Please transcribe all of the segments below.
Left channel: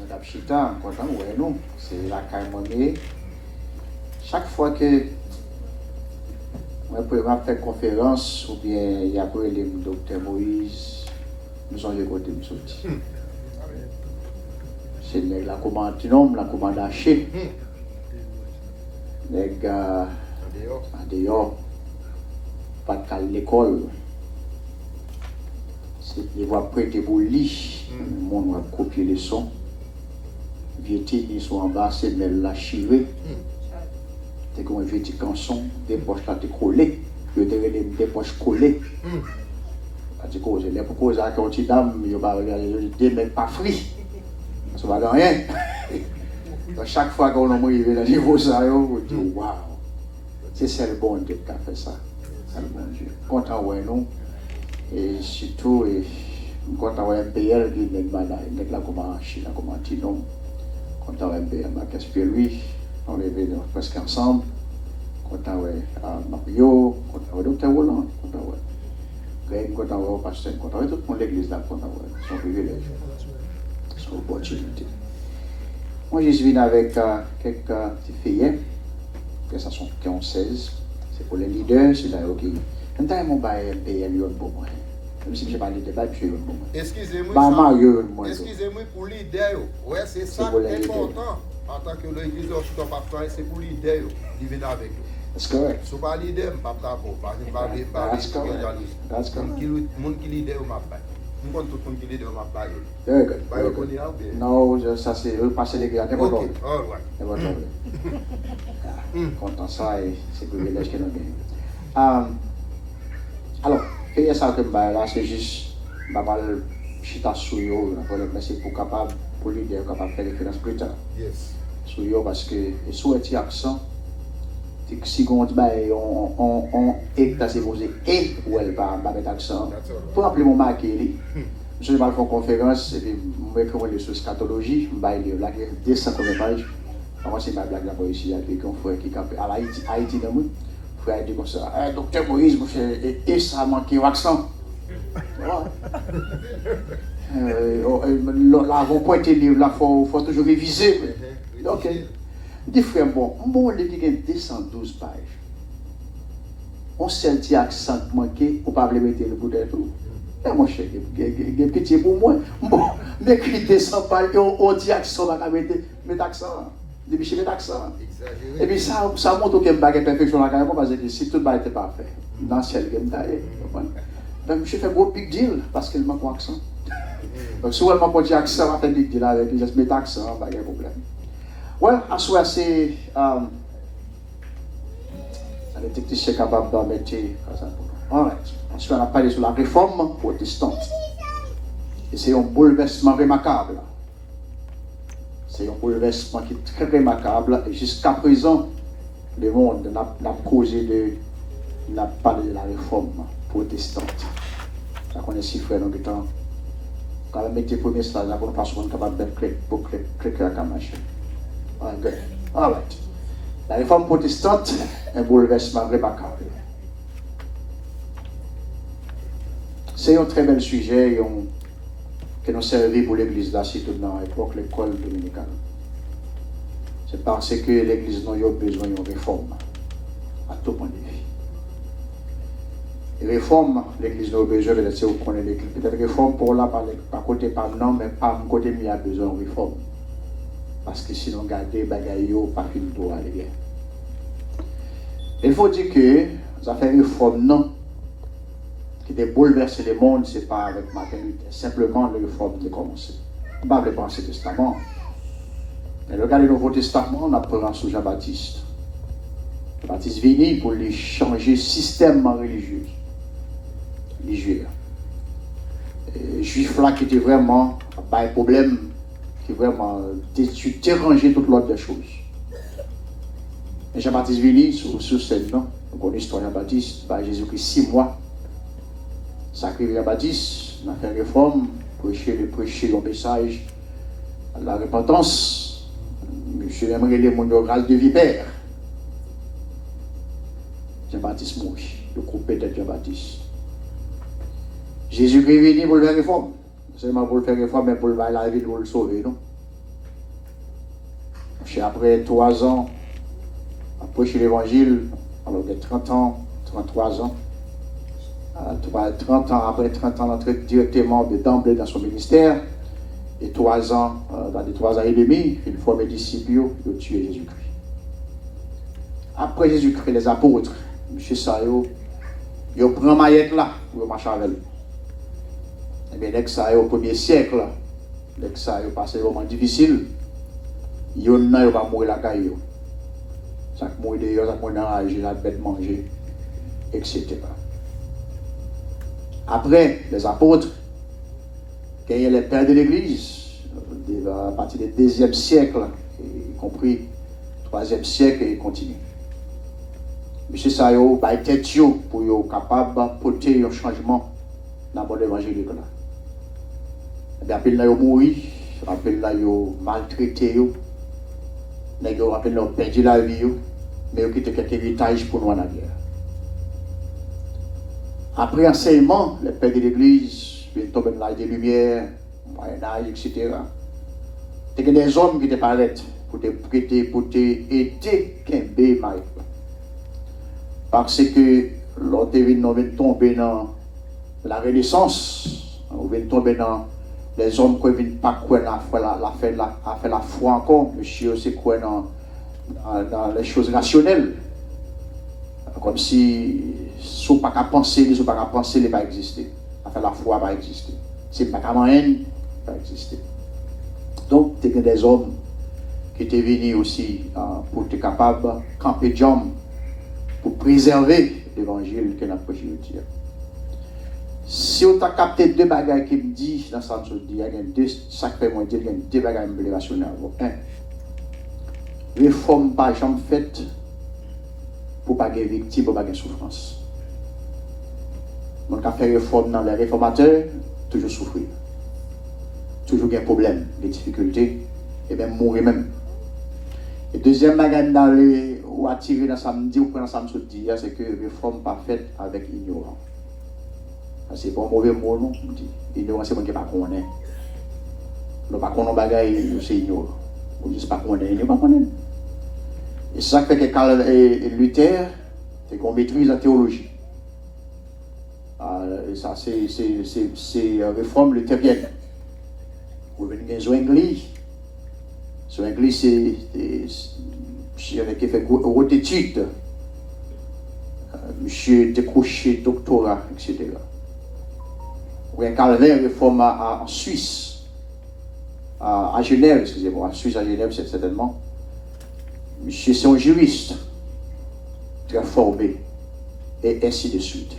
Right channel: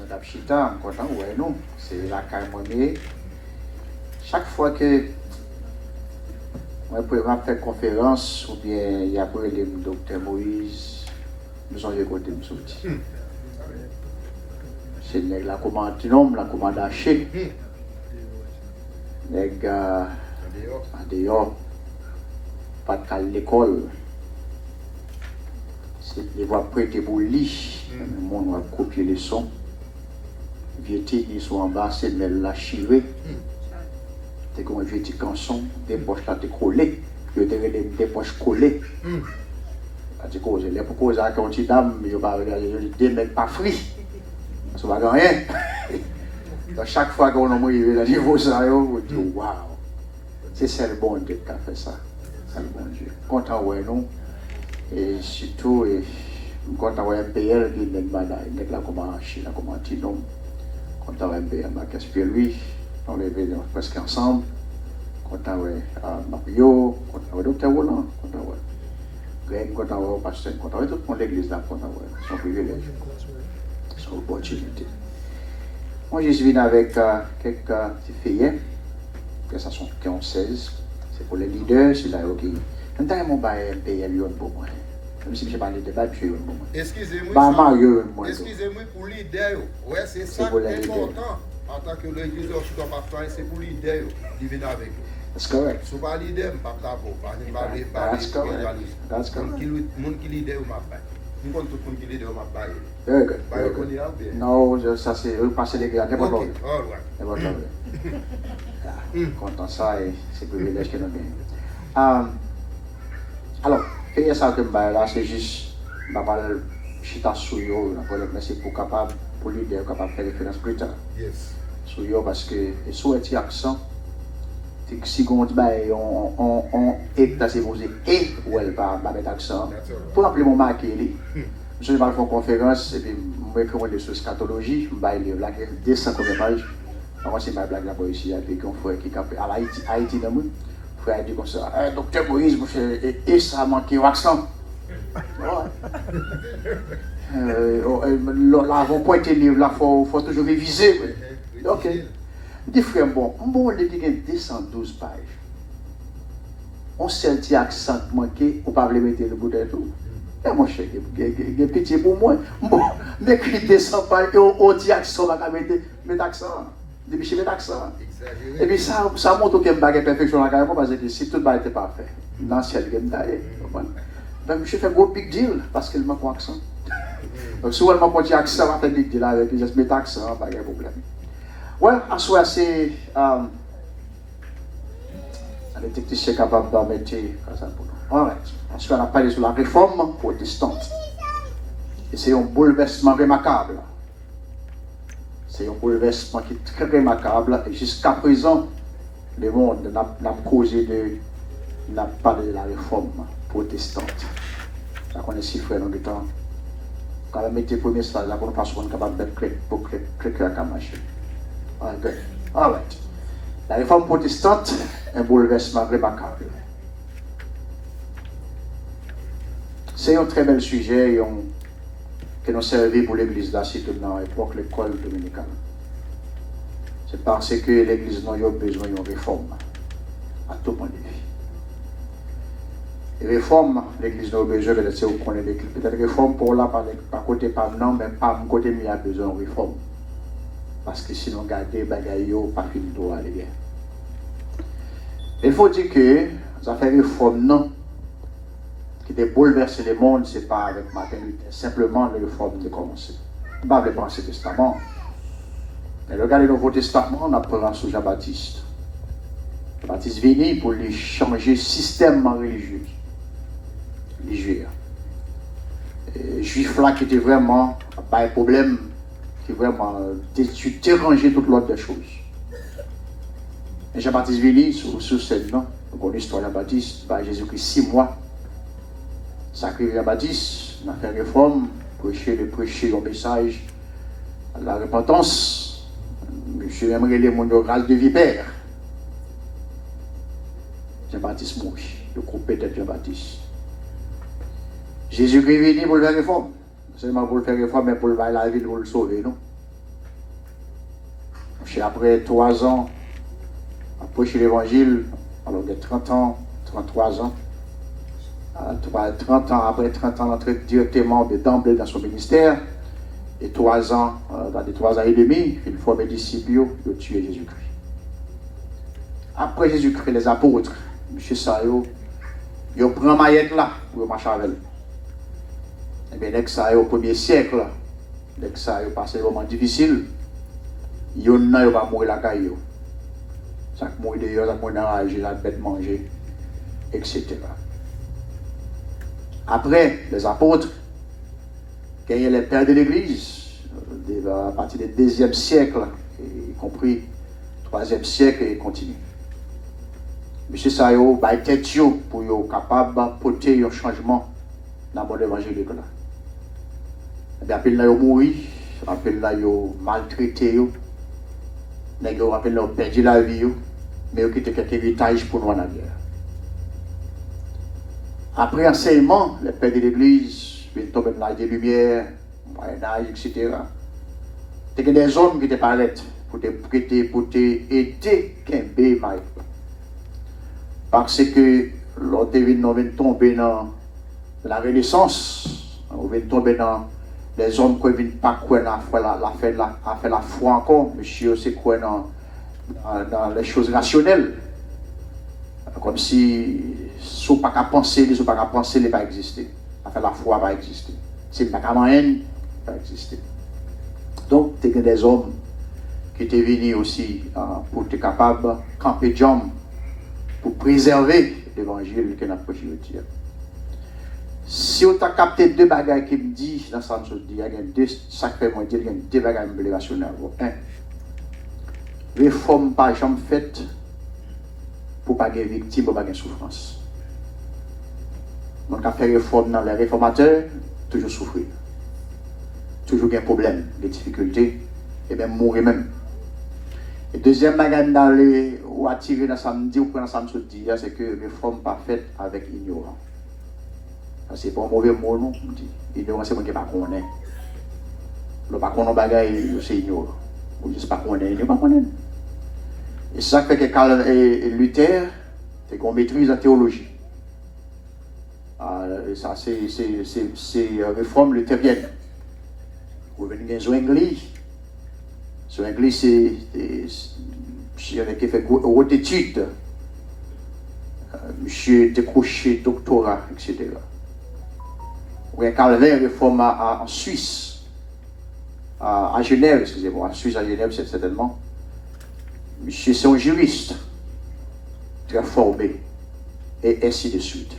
Madame Chita, content, ouais, non, c'est la Caïmoné. Chaque fois que on peut faire conférence ou bien il y a pour le docteur Moïse, nous sommes de côté de sortir. C'est la commande la commande hachée. Les gars, en dehors, pas de l'école. Ils vont prêter pour le lit. Le monde va copier les sons. Ils sont en bas, c'est la chirée. C'est comme un vieux canson, des poches là, collées. Des poches collées. Les proposés à une petite dame, ils ne démettent pas free. Ça ne va rien. Donc, chaque fois qu'on a arrivé à niveau ça, on dit waouh, c'est le bon Dieu qui a fait ça. C'est le bon Dieu. Content, ouais, non. Et surtout, content, ouais, PL, qui n'est pas comme en Chine, comme en Tinon. Content, ouais, PL, qu'est-ce que lui, on est presque ensemble. Content, ouais, Mario, content, ouais, Docteur Roland, content, ouais. Greg, content, ouais, pasteur, content, ouais, tout le monde l'église là, content, ouais, son privilège, son opportunité. Moi, je suis venu avec quelques petits filles, que ça sont 16. C'est pour les leaders, c'est là qui. Maintenant, mon bail PL pour moi. Même si je parle de débat, je suis pour moi. Excusez-moi pour leader. Ouais, c'est ça qui est important. En tant que l'église orthodoxe pastorale, c'est pour leader qui vient avec nous. That's correct. Si vous ne parlez pas leader, je ne peux pas parler. That's correct. Le monde qui leader, je ne tout le monde qui leader, je ne Very good. Non, ça c'est repasser les gars. Ok, all right. Content ça et c'est privilège que nous gagnons. Alors, qu'est-ce que ça que là, c'est juste, mal chita sur eux, c'est pour capable, pour lui dire capable de faire référence plus tard. Yes. Sur eux parce que, sur un petit accent, si on dit, on est supposé et ou elle va mettre accent, pour appeler mon marqué, je vais faire une conférence, et puis je vais faire sur scatologie, je vais lire là, 200 pages. Moi, c'est ma blague là-bas ici, avec un frère qui est à Haïti dans le frère dit comme ça, docteur Moïse, vous faites et ça manque l'accent. Là, vous pointez le livre, là, il faut toujours réviser. Ok. Dis frère, bon, le livre il y a 212 pages. On sait un petit accent manqué, on ne peut pas le mettre le bout de tout. Et mon cher, il y a pitié pour moi. Bon, m'écrit 200 pages, on dit accent, on va mettre accent. Depuis chez les accents. Et puis ça montre qu'il y a une bague perfection dans la carrière parce que si tout le monde était parfait, dans le ciel, il y a une donc je fais un gros big deal parce qu'il manque un accent. Donc si elle m'a pas accent, on fait un big deal avec lui, je mets accent, pas de problème. Ouais, à soi c'est les techniciens capables de mettre ça pour nous. Ensuite on a parlé sur la réforme protestante. Et c'est un bouleversement remarquable. C'est un bouleversement qui est très remarquable et jusqu'à présent, le monde n'a parlé de la réforme protestante. Ça connaît si frère dans le temps. Quand on met les premiers stages, on passe qu'on est capable de créer un machin. All right. La réforme protestante est un bouleversement remarquable. C'est un très bel sujet. Que nous servons pour l'église là, c'est tout dans l'époque, l'école dominicale. C'est parce que l'église n'a pas besoin d'une réforme, à tout point de vue. Les réformes, l'église n'a pas besoin de peut-être réforme pour là, par côté pas non, mais pas mon côté, mais il y a besoin de réforme. Parce que sinon, garder bagaille, pas fini de aller bien. Il faut dire que ça fait réforme, non. Qui a bouleversé le monde, ce n'est pas avec Martin Luther, simplement la réforme qui a commencé. On ne va pas penser au Testament. Mais regardez le Nouveau Testament, on apprend sur Jean-Baptiste. Jean-Baptiste venu pour lui changer le système religieux. Les Juifs là qui étaient vraiment, pas un problème, qui vraiment dérangé toute l'autre des choses. Et Jean-Baptiste venu sur cette non, on connaît l'histoire de Jean-Baptiste, par Jésus-Christ 6 mois. Sacré Jean-Baptiste, on a fait réforme, prêcher le message à la repentance. Monsieur aimerait les monograles de vipère. Jean-Baptiste mourit, le coupé de Jean-Baptiste. Jésus est venu pour le faire réforme. Seulement pour le faire réforme, mais pour le faire la vie, pour le sauver, non? Après 3 ans, après chez l'évangile, alors de 30 ans, 33 ans, 30 ans, après 30 ans, d'entrer directement d'emblée dans son ministère, et 3 ans, dans les 3 ans et demi, il forme des disciples, de tuer Jésus-Christ. Après Jésus-Christ, les apôtres, M. Sayo, ils prennent maillette là pour marcher avec lui. Et bien, dès que ça est au 1er siècle, dès que ça est passé un moment difficile, ils ne vont pas mourir la caille. Chaque mourir d'ailleurs, chaque mourir dans la rage, la bête manger, etc. Après, les apôtres, quand il y a les pères de l'Église, à partir du 2e siècle, y compris 3e siècle, et continue. M. Sayo a été pour être capable de porter un changement dans le évangile. Et bien, après, ils ont mouru, après, ils ont maltraité, ils ont perdu la vie, mais ils ont quitté quelques héritages pour nous en arrière. Après enseignement, les pères de l'Église, ils tombent dans l'âge des Lumières, Moyen-Âge, etc. Il y a des hommes qui te paraissent pour te prêter, pour te aider, Kembe, Maïk. Parce que l'autre vient tomber dans la Renaissance, on vient tomber dans les hommes qui ne viennent pas quoi faire la foi encore, monsieur, c'est quoi dans les choses rationnelles. Comme si ne sont pas qu'à penser, ne sont pas qu'à penser, ne pas exister. Faire la foi va exister. C'est pas qu'à moyen, va exister. Donc, il y a des hommes qui étaient venus aussi pour être capables de camper de jambes, pour préserver l'évangile que nous avons prêché. Si on a capté 2 bagages qui me disent, dans ce sens, il y a 2 sacrés mondiaux, il y a 2 bagages qui me relationnels. 1. Réforme pas jamais faite pour ne pas être victime, pour ne pas être souffrance. Donc, à faire réforme dans les réformateurs, toujours souffrir. Toujours des problèmes, des difficultés, et même mourir même. Et deuxième bagage d'aller ou attirer dans samedi ou prendre samedi, c'est que réforme pas faite avec ignorance. C'est pas un mauvais mot, non? Ignorance, c'est moi qui ne sais pas qu'on est. Le pas qu'on a bagaille, c'est ignorant. On dit pas qu'on est, il n'est pas qu'on est. Et ça fait que Calvin et Luther, c'est qu'on maîtrise la théologie. Et ça, c'est réforme luthérienne. Vous venez de Zwingli. Zwingli, c'est qui fait haute étude. Monsieur décroché doctorat, etc. Ou un Calvin réforme en Suisse, à Genève, excusez-moi, en Suisse, à Genève, c'est certainement. Monsieur, c'est un juriste, très formé, et ainsi de suite.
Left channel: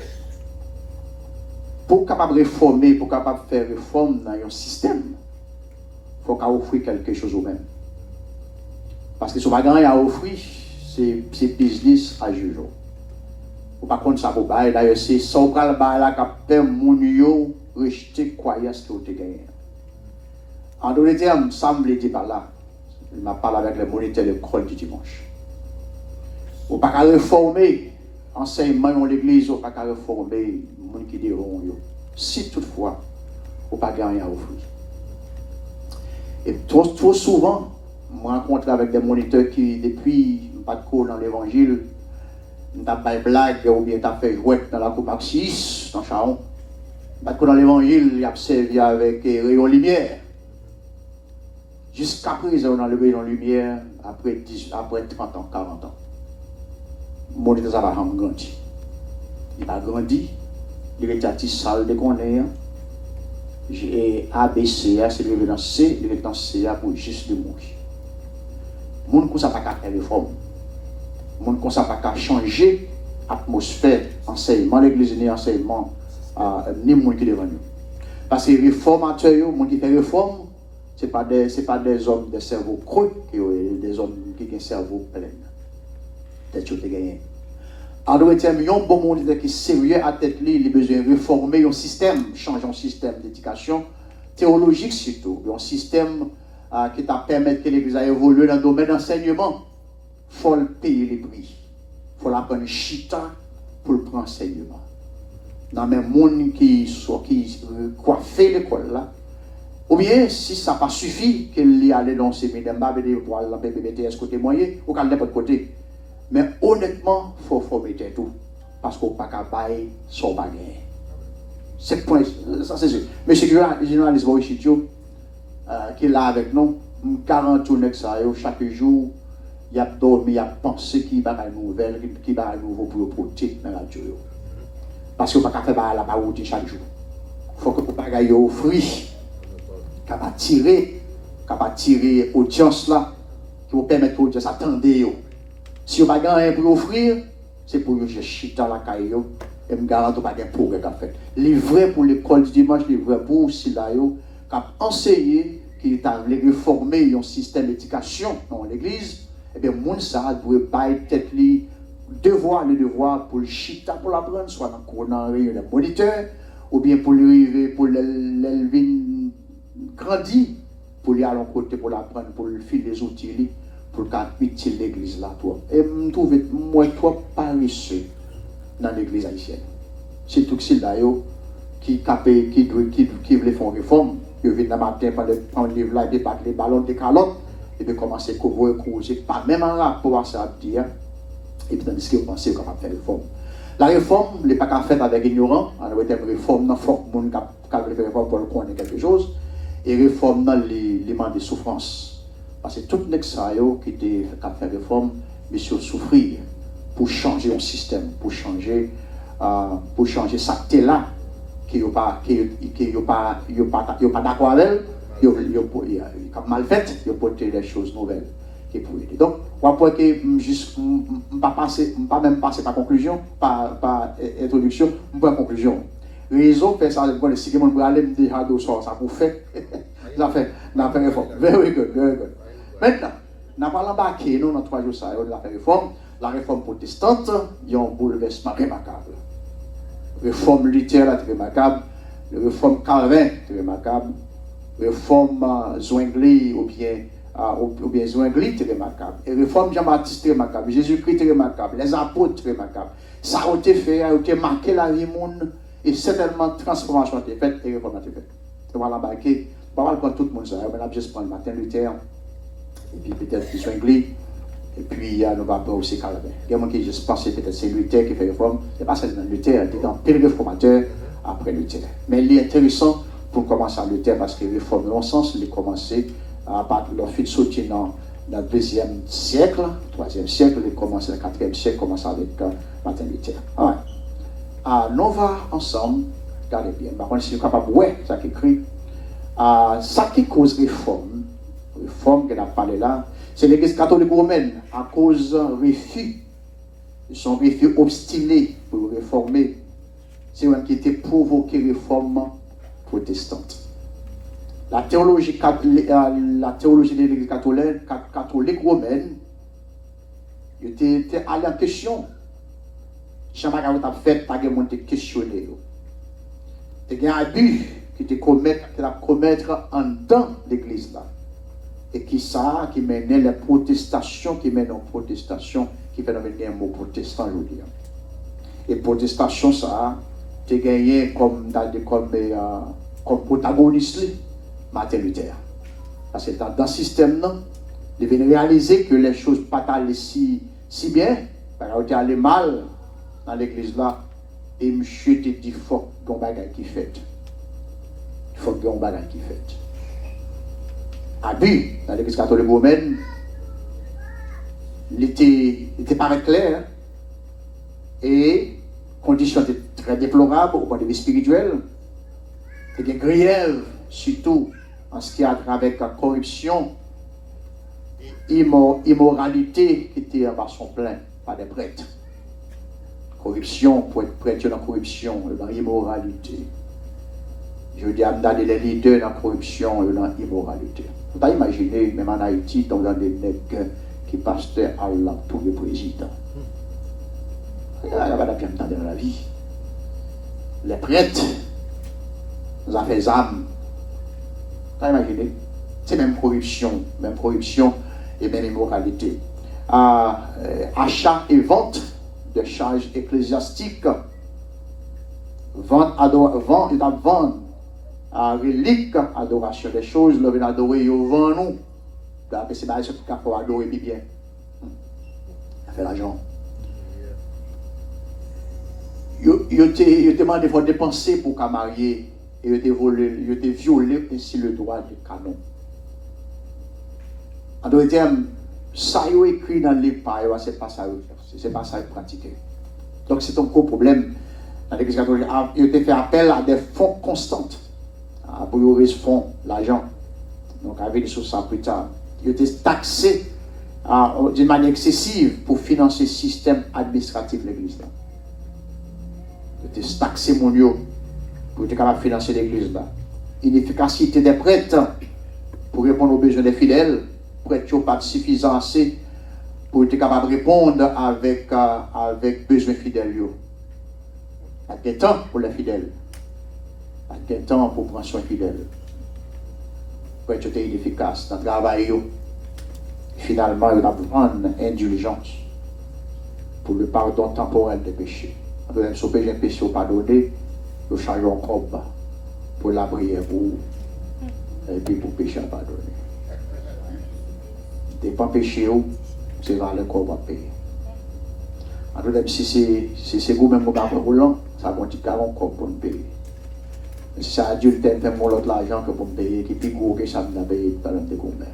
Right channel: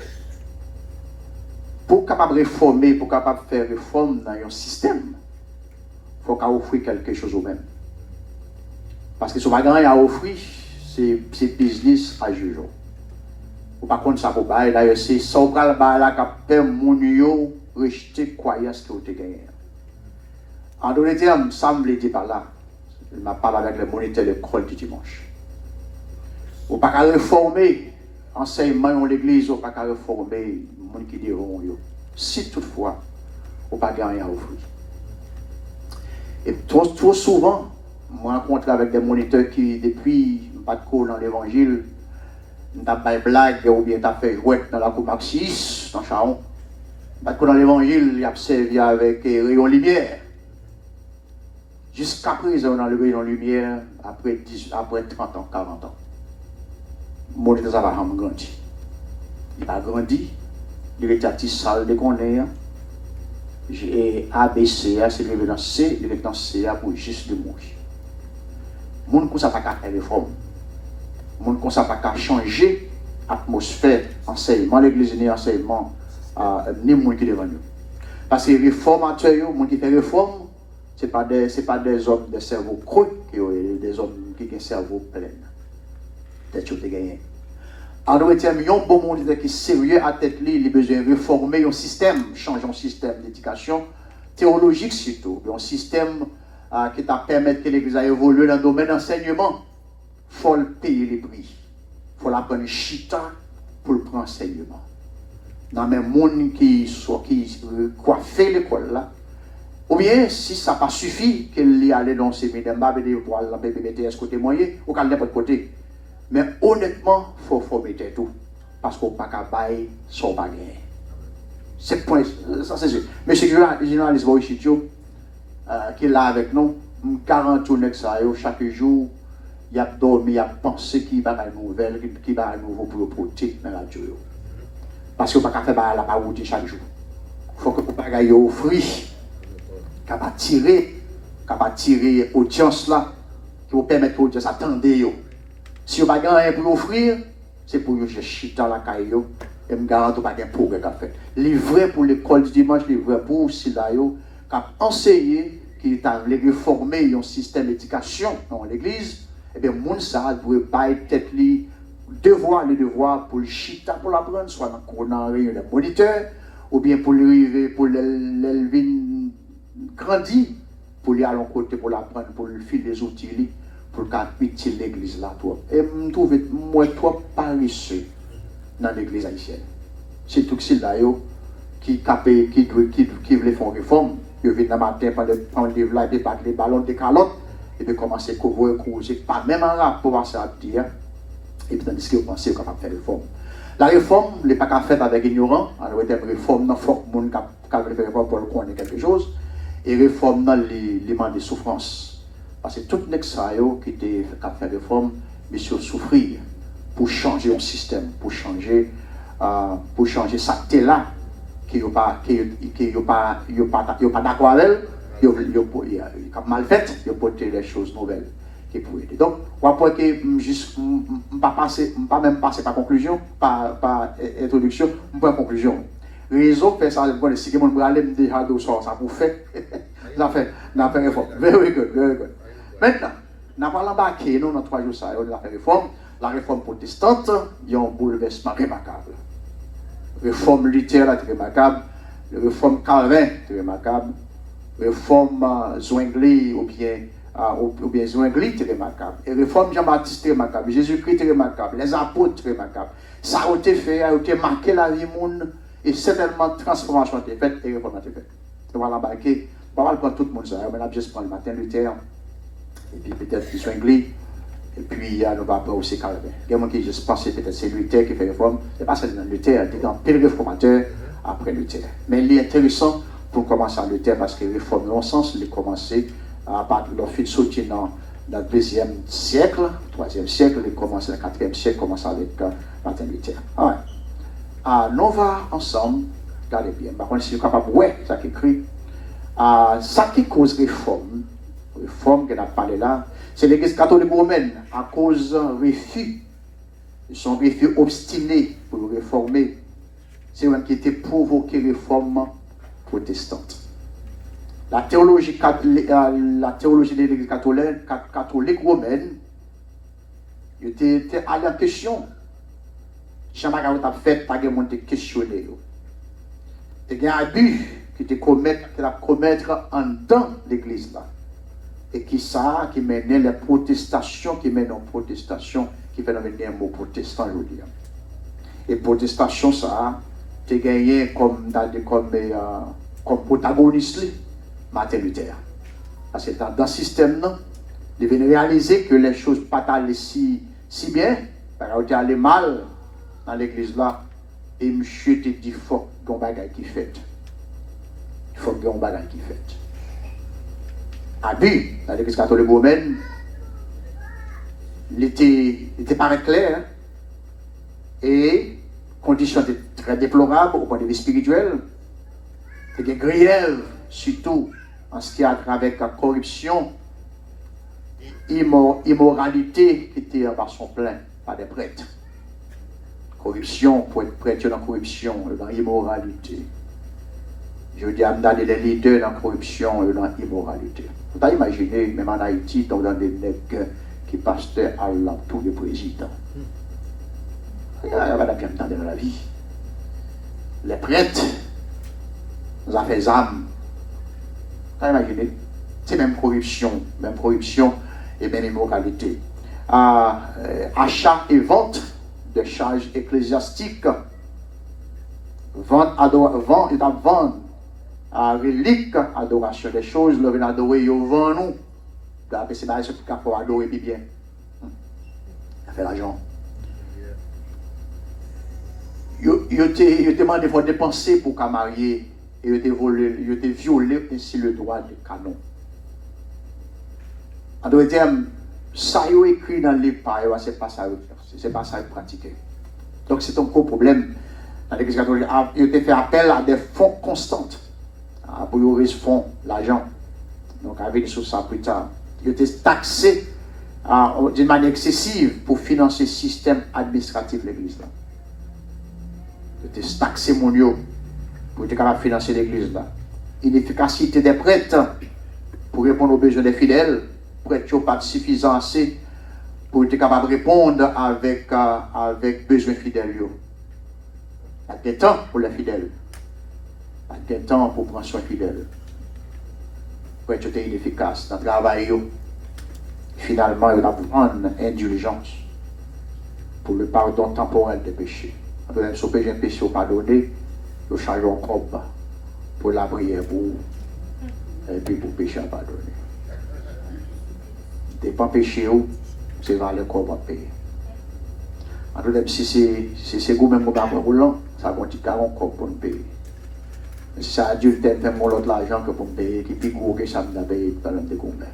Pour capable réformer, pour capable faire réforme dans un système, il faut qu'on offre quelque chose au même. Parce que ce qu'on a à offrir, c'est business à juger. Ou par contre, ça peut pas. D'ailleurs, c'est ça qu'on a là qui permet mon yo rejeter croyance que vous avez gagné. En d'autres termes, ça me le dit par là. Il m'a parlé avec les moniteurs de l'école du dimanche. Ou pas qu'à réformer enseignement dans l'église, ou pas qu'à réformer les gens qui diront yo. Si toutefois, ou pas gagner à offrir. Et trop souvent, moi, je rencontre avec des moniteurs qui, depuis, pas de cours dans l'évangile, t'as pas de blague ou bien t'as fait jouer dans la coupe Maxis, dans Charon. Pas de cours dans l'évangile, il a servi avec rayon lumière. Jusqu'à présent, dans le rayon lumière, après 30 ans, 40 ans. Mon moniteur, ça va grandir. Il va grandir, il est à salle de connaître. J'ai ABC, c'est levé dans C, levé dans C pour juste de mourir. Les gens ne savent pas faire réforme. Les gens ne savent pas changer l'atmosphère, enseignement, l'église ni enseignement, ni les gens qui devant nous. Parce que les réformateurs, les gens qui font réforme, ce n'est pas des hommes de cerveau creux, des hommes qui ont un cerveau plein. Des choses qui gagnent. En d'autres termes, il y a un bon monde qui est sérieux à tête libre, il a besoin de réformer un système, changer un système d'éducation théologique surtout, un système qui t'a permis que l'Église a évolué dans le domaine d'enseignement. Il faut payer les prix. Il faut apprendre chita pour le prendre enseignement. Dans le même monde qui coiffait l'école là, Ou bien, si ça n'a pas suffi, qu'il y allait dans ces séminaire, pour aller dans le BBTS côté moyen, ou qu'à n'importe côté. Mais honnêtement, il faut mettre tout. Parce qu'on ne peut pas bailler son bagage. C'est point, ça c'est sûr. Monsieur le journaliste Boris Chitio, qui est là avec nous, 40 chaque jour, il a dormi, il a pensé qu'il va y avoir une nouvelle, qu'il va y avoir un nouveau pour le porter dans la radio. Parce qu'on ne peut pas faire la route chaque jour. Il faut que vous ne offrir, capable de tirer l'audience là, qui vous permettre l'audience d'attendre. Si vous n'avez pas rien pour offrir, c'est pour que je chute dans la caille et me garantis pas de progrès qu'a fait. Livré pour l'école du dimanche, livré pour Silayo, qui a enseigné, qui a réformé un système d'éducation dans l'église, et bien, moun ça doit pas être le devoir pour le chita pour l'apprendre, soit dans le réunion de moniteur, ou bien pour lui pour l'élever grandir, pour lui aller à côté pour l'apprendre, pour lui filer les outils, pour qu'il l'église là. Et je trouve moi trop paresseux dans l'église haïtienne. C'est tout ce qui veut faire une réforme. Je viens le matin prendre le livre là, débattre les ballons de calottes, et puis commencer à couvrir, pas même en rapport à ça, dire, et puis tandis que vous pensez qu'on va faire une réforme. La réforme n'est pas faite avec ignorant, alors il y a une réforme, il faut que les gens qui veulent faire pour le connaître quelque chose, et réforme dans l'élément de souffrance. Parce que tout le monde qui a fait réforme, mais sur souffrir, pour changer le système, pour changer ça là, qui n'est pas d'accord avec elle, qui est mal fait, il faut porter des choses nouvelles. Donc, on va pas même passer par conclusion, par introduction, par conclusion. Raison fait ça, si quelqu'un veut aller me dire ça pour faire, ça fait réforme. Very good, very good. Maintenant, nous allons embarquer dans 3 jours, ça, on a fait réforme. La réforme protestante, il y a un bouleversement remarquable. Réforme Luther, très remarquable. Réforme Calvin, très remarquable. Réforme Zwingli, ou bien Zwingli, très remarquable. Et réforme Jean-Baptiste, très remarquable. Jésus-Christ, très remarquable. Les apôtres, très remarquable. Ça a été fait, a été marqué la vie monde, et certainement transformation a été faite, et réforme a été faite. On va l'embarquer. On va prendre tout le monde ça. On va juste prendre Martin Luther, et puis peut-être Zwingli. Et puis, nous va prendre aussi Calvin. Il y a des gens qui juste pensent peut-être c'est Luther qui fait réforme. Ce n'est pas seulement Luther, il est dans pile réformateur après Luther. Mais il est intéressant pour commencer à Luther parce que réforme, dans le sens, il a commencé à partir de leur fil sauté dans le 2e siècle, 3e siècle, il commence le 4e siècle, commence avec Martin Luther. Nous va ensemble, regardez bien, par contre, si vous êtes capable de voir ça qui écrit, ça qui cause réforme qu'on a parlé là, c'est l'église catholique romaine, à cause d'un refus, son refus obstiné pour réformer, c'est même qui était provoqué réforme protestante. La théologie de l'église catholique romaine était allée en question. Jamais on a fait, pas de monde questionner. Il y a un abus qui était commettre en dedans l'église là. Et qui menait les protestations, qui mènent aux protestations, qui fait venir un mot protestant, je veux dire. Et protestation, ça a gagné comme protagoniste, Martin Luther. Parce que dans ce système, il vient réaliser que les choses ne sont pas allées si bien, parce qu'elles allaient mal dans l'église là, et monsieur te dit, il faut qu'il y ait un bagage qui fait. Il faut qu'il y ait un bagage qui fait. Abus dans l'église catholique romaine, il était pas clair et conditions étaient très déplorables au point de vue spirituel. Il y a des griefs, surtout en ce qui a trait avec la corruption et immoralité qui était en son plein par des prêtres. Corruption, pour être prêtre dans la corruption, dans l'immoralité. Je veux dire, amener les leaders dans la corruption et dans l'immoralité. Vous pouvez imaginer, même en Haïti, dans des nègres qui passent à tous les présidents. Il n'y a pas de bien dans la vie. Les prêtres, nous avons fait âmes. Vous pouvez imaginer, c'est même corruption et même immoralité. Achat et vente de charges ecclésiastiques. Vente relique, adoration des choses, nous venons adorer au vent nous. C'est pas pour qu'on peut adorer bien. Ça fait l'argent. Yo te demandé de dépenser pour qu'à marier et yo te violé ainsi le droit de canon. En d'autres termes, ça yo écrit dans les pas, c'est pas ça c'est pas ça pratiquer. Donc c'est un gros problème dans l'Église catholique. Yo te fait appel à des fonds constantes pour yo raise fonds l'argent. Donc avec sur ça plus tard, yo te taxé d'une manière excessive pour financer le système administratif de l'Église là. De taxer mon yo pour être capable de financer l'église là. Inefficacité des prêtres pour répondre aux besoins des fidèles. Prêtres pas suffisant assez pour être capable de répondre avec besoins fidèles. Pas de temps pour les fidèles. Pas de temps pour prendre soin fidèles. Prêtres étaient inefficaces dans le travail. Finalement, il va prendre indulgence pour le pardon temporel des péchés. Si vous avez un péché pardonné, vous changez un corps pour la prière et puis pour péché pardonné. Dépend péché, c'est vers le corps pour payer. En tout cas, si c'est vous-même qui avez roulant, ça continue à un corps pour nous payer. Si c'est adulte, fait mon l'autre l'argent que pour me payer, qui est plus gros que ça me paye dans le découvert.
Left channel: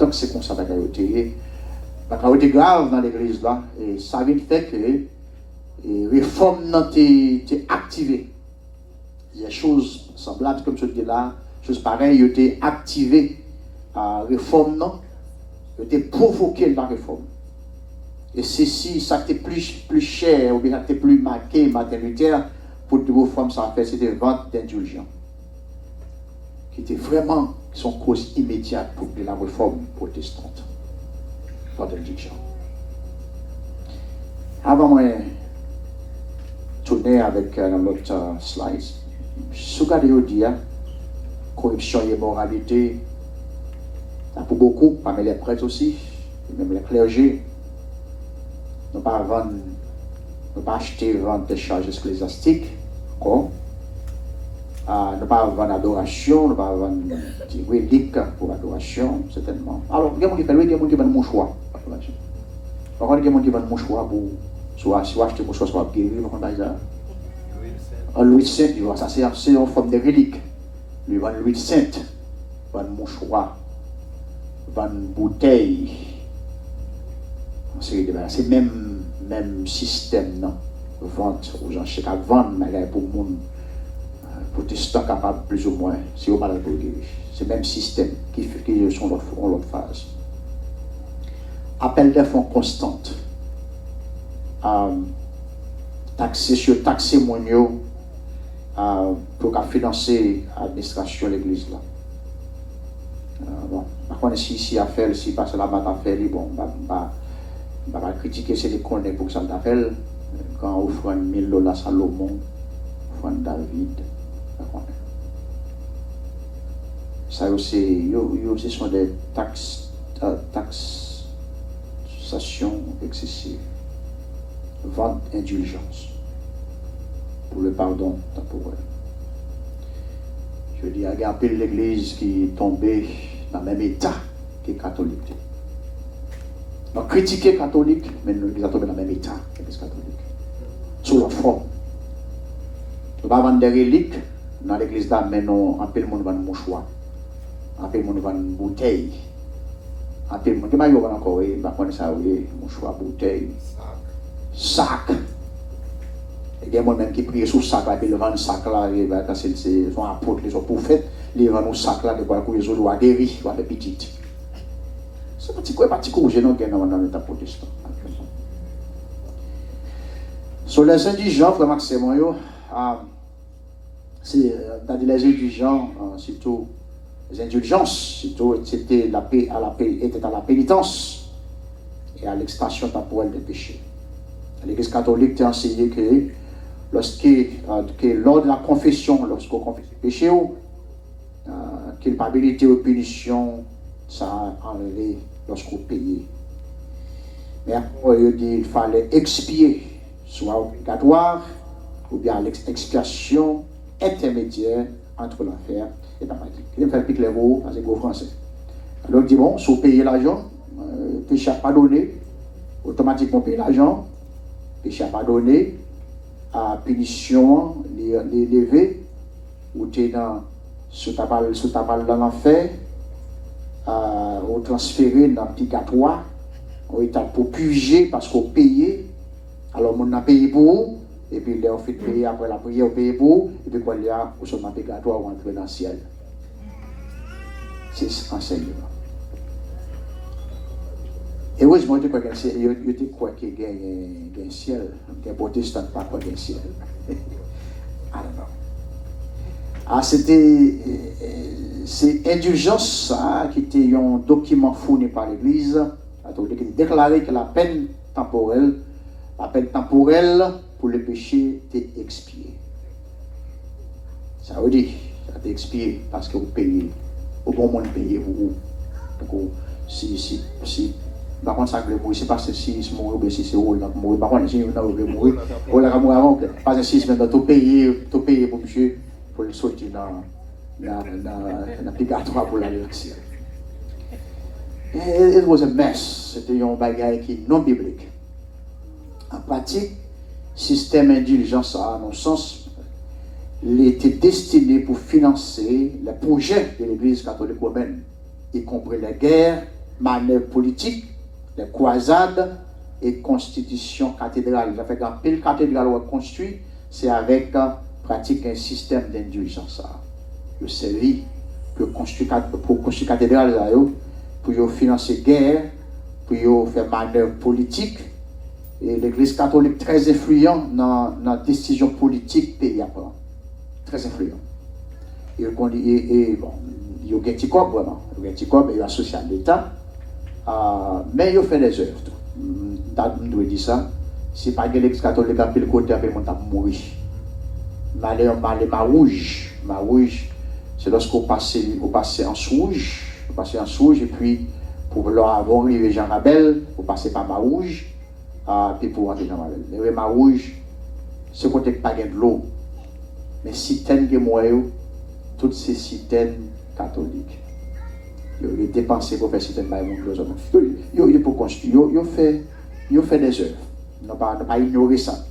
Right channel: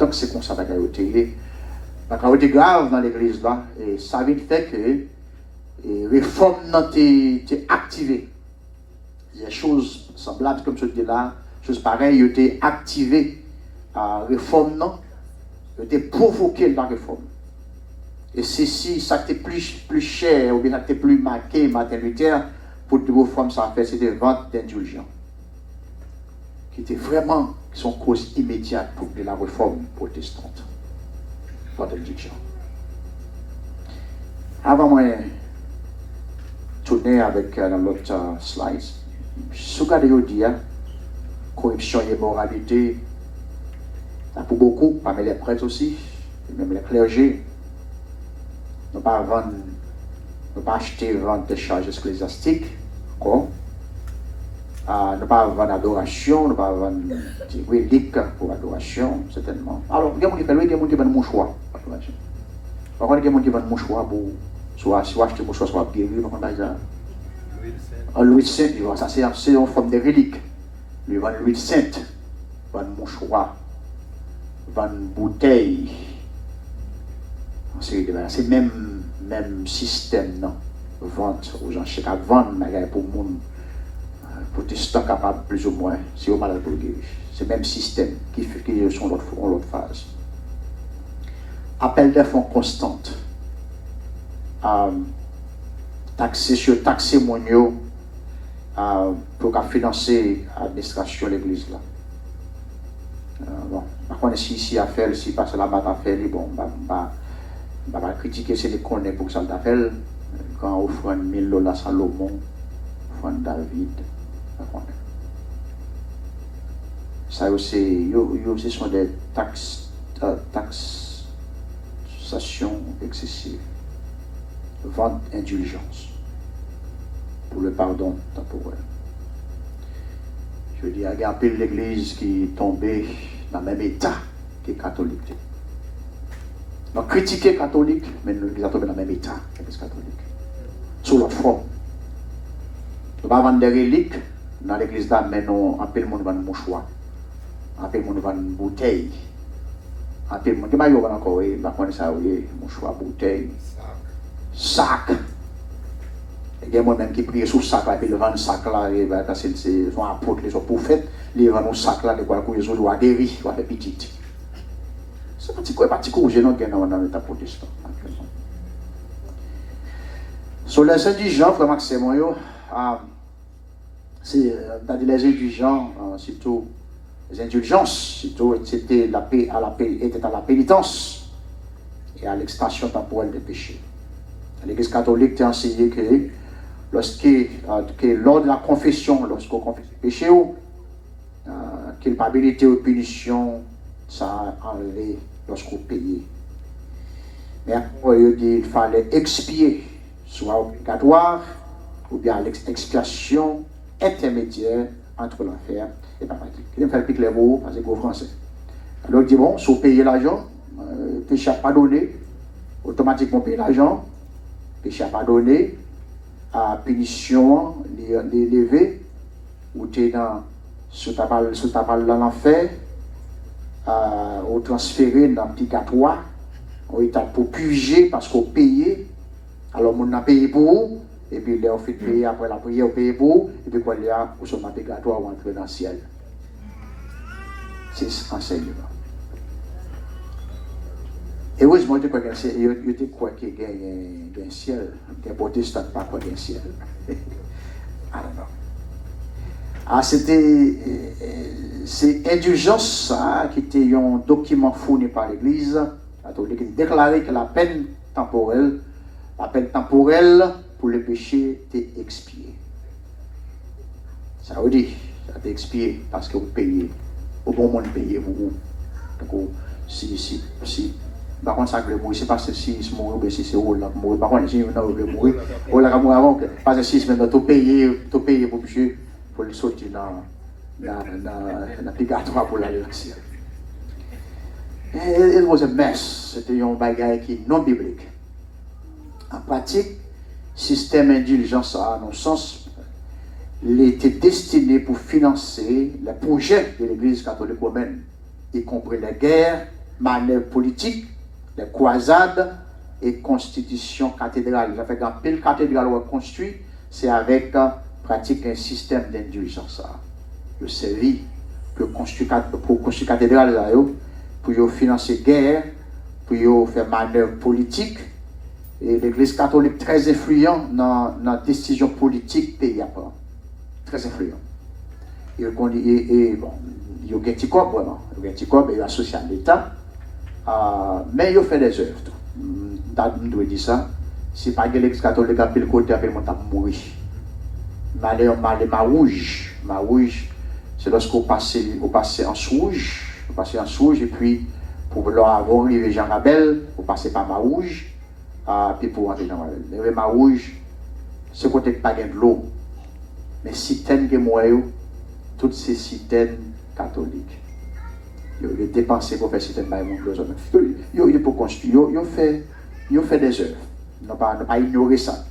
Donc c'est comme ça que vous avez été grave dans l'église là, et ça veut dire que et réforme n'a été activée. Il y a des choses semblables, comme je dis là, choses pareilles, ont été activées à réforme, non? Ont été provoquées dans la réforme. Et ceci, ça a été plus cher, ou bien ça a été plus marqué, Martin Luther, pour une réforme, ça a fait, c'était vente d'indulgence. Qui était vraiment son cause immédiate pour la réforme protestante. Vente d'indulgence. Avant moi, tourner avec l'autre slide. Si vous regardez aujourd'hui, corruption et moralité, pour beaucoup, parmi les prêtres aussi, et même les clergés, ne pas vendre, ne pas acheter vendre des charges ecclésiastiques, encore. Ne pas vendre adoration, ne pas vendre des reliques pour adoration, certainement. Alors, il y a des gens qui font, il y a des gens qui vendent mon choix. Par contre, il y a des gens qui vendent mon choix pour soit acheter pour soit guérir, par contre, l'huile sainte, ça c'est en forme de relique. Lui vend l'huile sainte, vend mouchoir, vend bouteille. C'est le même système, non? Vente aux gens, c'est qu'à vendre pour le monde protestant capable plus ou moins, si on malade pour guérir. C'est le même système qui sont en l'autre phase. Appel des fonds constantes. Taxer mon pour financer l'administration de l'église là. Bon, par contre, si à faire, si passe la batte à faire, bon, va critiquer c'est les connaît pour que ça t'appelle. Quand on offre $1000 Salomon, offrande David, ça aussi, ce sont des taxations excessives. Vente indulgence pour le pardon temporel. Je veux dire, regarder l'église qui est tombée dans le même état que les catholiques. Donc, critiquer les catholiques, mais l'église a tombé dans le même état que les catholiques. Sous leur forme. On va vendre des reliques dans l'église là, mais non, un peu le monde vend un mouchoir, un peu le monde vend une bouteille, un peu le monde, il y a encore, il y a mouchoir, bouteille. Sac. Il y a des gens qui prient sur le sac, puis ils vendent le sac là, c'est son apôtre, son prophète, ils vendent le sac là, ils doivent guérir, ils doivent faire petit. C'est un petit coup, j'ai non dans l'État protestant. Sur les indigents, frère Maxime, c'est les indigents, surtout les indulgences, surtout c'était à la pénitence et à l'extension temporelle des péchés. L'Église catholique t'a enseigné que lors de la confession, lorsqu'on confesse le péché, culpabilité ou punition, ça a enlevé lorsqu'on payait. Mais après, il dit qu'il fallait expier, soit obligatoire, ou bien l'expiation intermédiaire entre l'enfer et le paradis. Il fait le plus clair pour parce que c'est français. Alors il dit bon, si vous payez l'argent, péché n'a pas donné, automatiquement payer l'argent, péché n'a pas donné, à punition, les lever, ou tu es dans sous ta balle dans l'enfer, ou transféré dans le purgatoire, ou état pour purger parce qu'on paye, alors on a payé pour vous, et puis là on fait payer après la prière, on paye pour vous, et puis quand il y a, on sommes dans le purgatoire, on entre dans le ciel. C'est enseignement. Et heureusement, je crois qu'il y a un ciel, qu'il y a un protestant pas quoi un ciel. C'est indulgence ça, qui était un document fourni par l'Église catholique qui déclarait que la peine temporelle pour le péché était expiée. Ça veut dire, ça a été expié parce que vous payez, au bon moment de payer pour vous. Donc, si par contre, ça ne c'est pas si c'est mort ou si c'est où là mourir. Par contre, si vous n'avez pas mourir, ou là mourir avant, pas de 6 maintenant, tout payer pour monsieur, pour le sortir dans le purgatoire pour aller au ciel. It was a mess. C'était un bagage qui est non biblique. En pratique, système indulgence à nos sens, il était destiné pour financer les projets de l'Église catholique romaine, y compris les guerres, manœuvres politiques, les croisades et constitution cathédrale. Ça fait qu'un pile cathédrale construit, c'est avec pratique un système d'indulgence. Le servi pour construire cathédrale, pour financer guerre, pour faire manœuvre politique. Et l'Église catholique très influent dans la décision politique pays après. Très influent. Et bon, il y a un petit corps vraiment. Il y a un petit corps, il y a associé à l'État. Mais il fait des œuvres. On doit dire ça. Si pas l'Église catholique a pris le côté, après on a mouru. Ma rouge, c'est lorsqu'on passe en rouge, et puis pour leur avoir arrivé Jean Rabel, on passe par ma rouge, puis pour rentrer dans ma rouge, c'est côté pas de l'eau. Mais citernes que moi, toutes ces citernes catholiques. Ils ont dépensé pour faire citernes par mon cloison. Ils ont pour construire, ils ont fait des œuvres. Ils n'ont pas ignoré ça.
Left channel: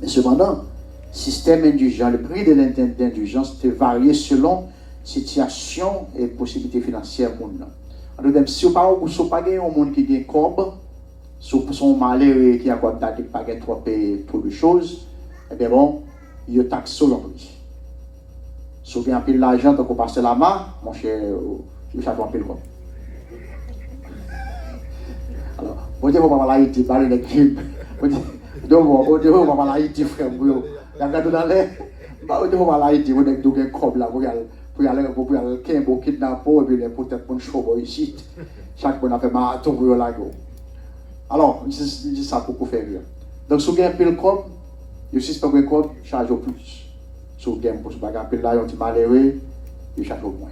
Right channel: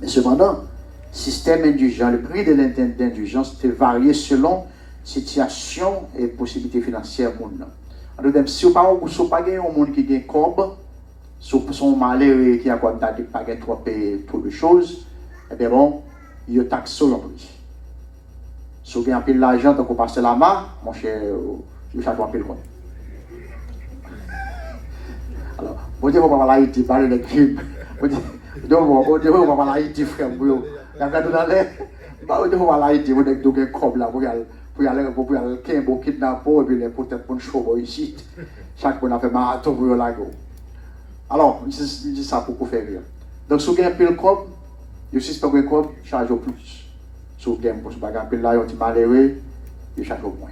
Mais cependant, système indulgent, le prix de l'indulgence était varié selon situation et possibilités financières qu'on a. En d'autres termes, si vous n'avez pas un monde qui a un corps, si vous sont malheureux qui a pas trop de choses, eh bien bon, il y a taxe sur l'emprise. Si vous avez un peu d'argent, donc vous passez la main, mon cher, il faut un peu de quoi. Alors, vous devez voir l'Haïti, parler des crimes. Vous devez voir l'Haïti, frère, vous regardez dans l'air, vous devez voir l'Haïti, vous devez un corps là, pour aller kidnapper, et puis peut-être pour une chose ici. Chaque fois, on a fait marathon pour la go. Alors, je dis ça pour vous faire rire. Donc, si vous avez un peu de corps, vous suspendez le corps, charge au plus. Si vous avez un peu de là, vous malheureux, vous charge au moins.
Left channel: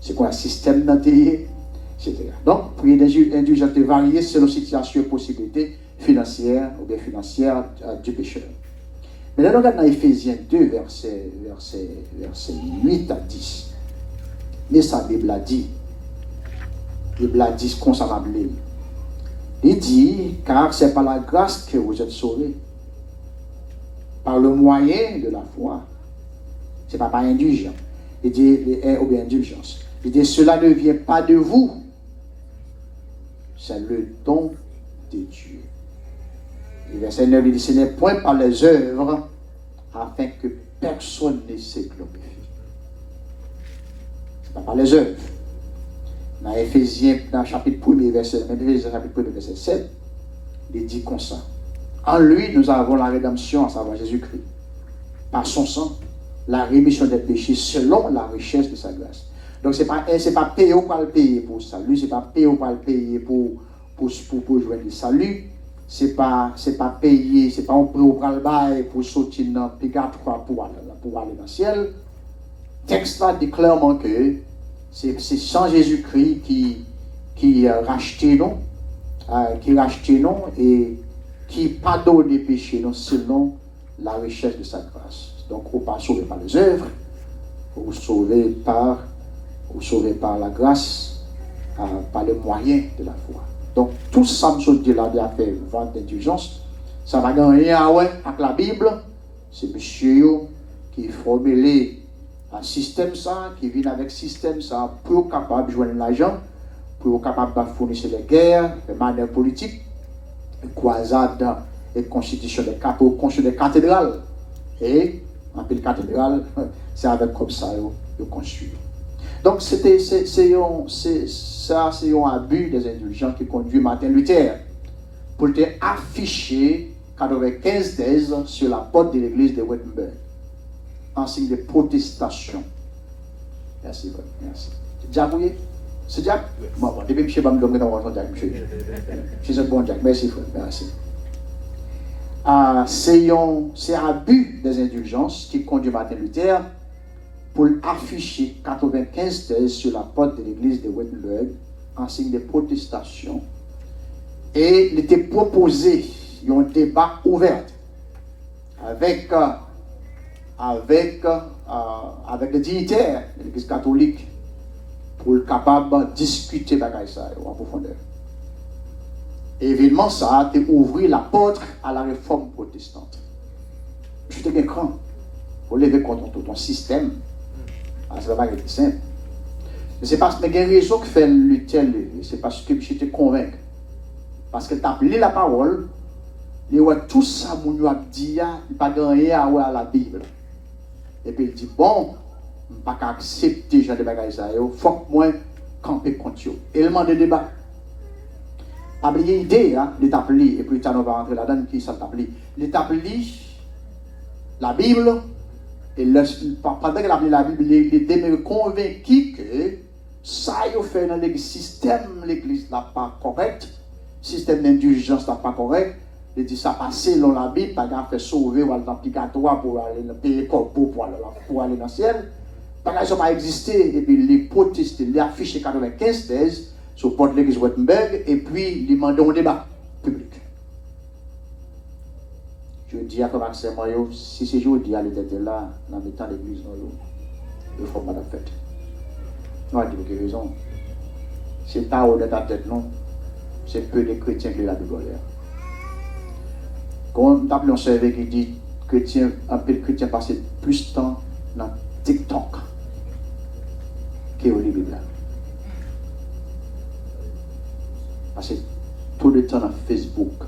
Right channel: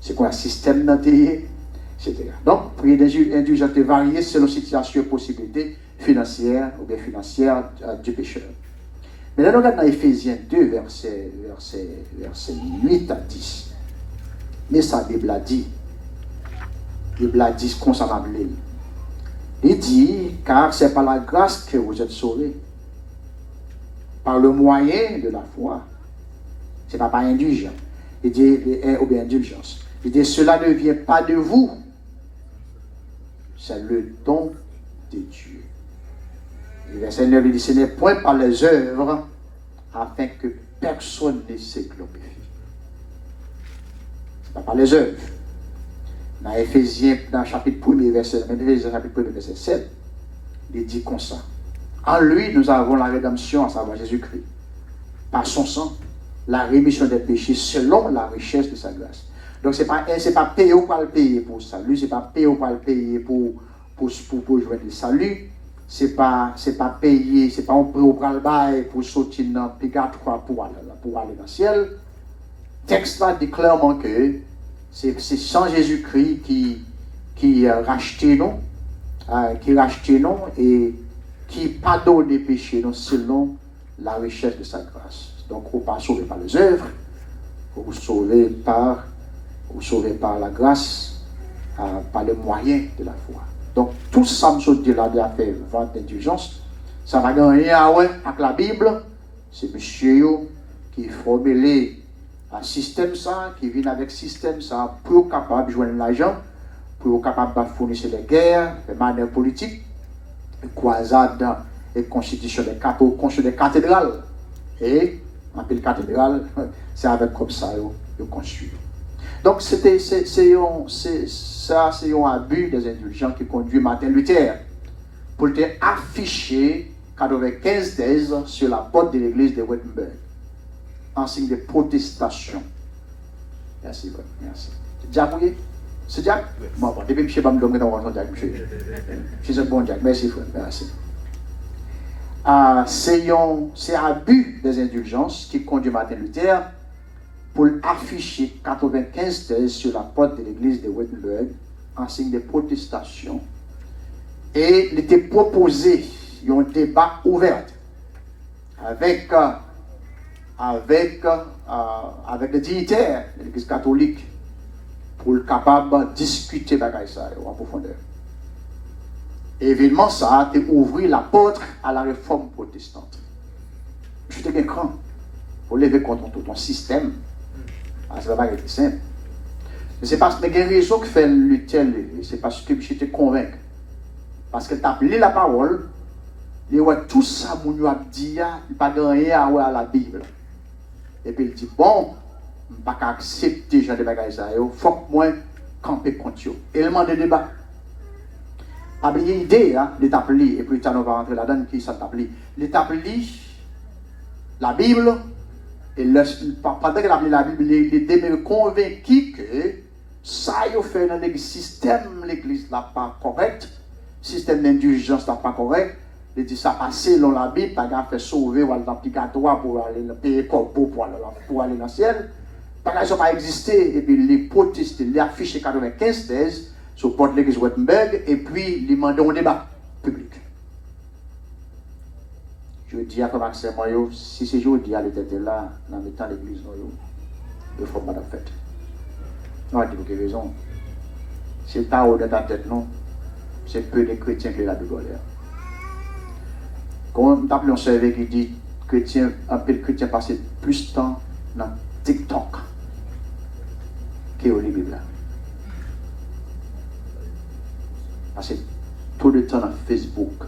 C'est quoi un système d'intérêt, etc. Donc, prier d'indulgence varier selon la situation et possibilité financière ou bien financière du pécheur. Mais là, on regarde dans Ephésiens 2, verset 8 à 10. Mais ça, la Bible a dit concernant l'Église. Il dit, car c'est par la grâce que vous êtes sauvés, par le moyen de la foi. Ce n'est pas par indulgence. Il dit, ou bien indulgence. Il dit, cela ne vient pas de vous. C'est le don de Dieu. Le verset 9, il dit, ce n'est point par les œuvres, afin que personne ne se glorifie. Ce n'est pas par les œuvres. Dans Ephésiens, dans le chapitre 1, verset 7, il dit comme ça. En lui, nous avons la rédemption, à savoir Jésus-Christ. Par son sang, la rémission des péchés selon la richesse de sa grâce. Donc, ce n'est pas payer ou pas le payer pour le salut, ce n'est pas payer ou pas le payer pour joindre le salut. C'est pas payer, c'est pas un prix au bras le bail pour sortir dans le purgatoire pour aller dans le ciel. Le texte là dit clairement que c'est sans Jésus-Christ qui rachetait nous, et qui pardonne les péchés nous selon la richesse de sa grâce. Donc, on ne pas sauvé par les œuvres, ou sauvé par la grâce, par les moyens de la foi. Donc, tout ça, je dis là, il a fait vente d'indulgence. Ça va gagner avec la Bible. C'est monsieur qui formule un système ça, qui vient avec système ça, pour capable de joindre l'argent, pour capable de fournir les guerres, les manières politiques, les croisades et constitution des cathédrales. Et, en pile cathédrale, c'est avec comme ça qu'ils construisent. Donc, c'est un abus des indulgents qui conduit Martin Luther pour te afficher 95 thèses sur la porte de l'église de Wittenberg en signe de protestation. Merci, merci. C'est déjà brouillé? C'est déjà? Bon, depuis que je ne sais pas dans votre Jack, je suis un bon Jack. Merci, frère. Merci. C'est un abus des indulgences qui conduit Martin Luther pour afficher 95 thèses sur la porte de l'église de Wittenberg en signe de protestation. Et il était proposé un débat ouvert avec les dignitaires de l'église catholique pour être capable de discuter de ça en profondeur. Et évidemment, ça a ouvert la porte à la réforme protestante. Je suis un grand pour lever contre ton système. Ça va être simple. Mais c'est parce que il y a une raison que fait Luther, c'est parce que je te convainc. Parce que tu as lu la parole, et tout ça, mon Dieu a dit, il n'y a pas gagné à la Bible. Et puis il dit, bon, je ne peux pas accepter ce genre de bagages, il faut que moi camper contre eux. Et il demande des débats. Il y a une idée, il t'a appelé, et puis tu vas rentrer là-dedans, qui ça t'a appelé. Il t'a appelé la Bible, et pendant qu'il a appelé la Bible, il était convaincu que ça, il fait dans l'église, système, l'église n'est pas correct, système d'indulgence n'est pas correct. Il dit ça passé dans la Bible, tu as fait sauver ou aller dans le purgatoire pour aller payer corbeau pour aller dans le ciel. Ça n'a pas existé. Et puis il proteste, il affiche 95 thèses sur le porte de l'église Wittenberg et puis il demande un débat public. Je dis à Maxime, si c'est jour, il y a l'été là, dans le temps de l'église, il faut pas la fête. On va dire que raison. C'est pas haut de ta tête, non. C'est peu de chrétiens qui ont la Bible. Quand on a un survey qui dit chrétien, un peu de chrétiens passent plus de temps dans TikTok que au Bible. Parce que tout le temps dans Facebook,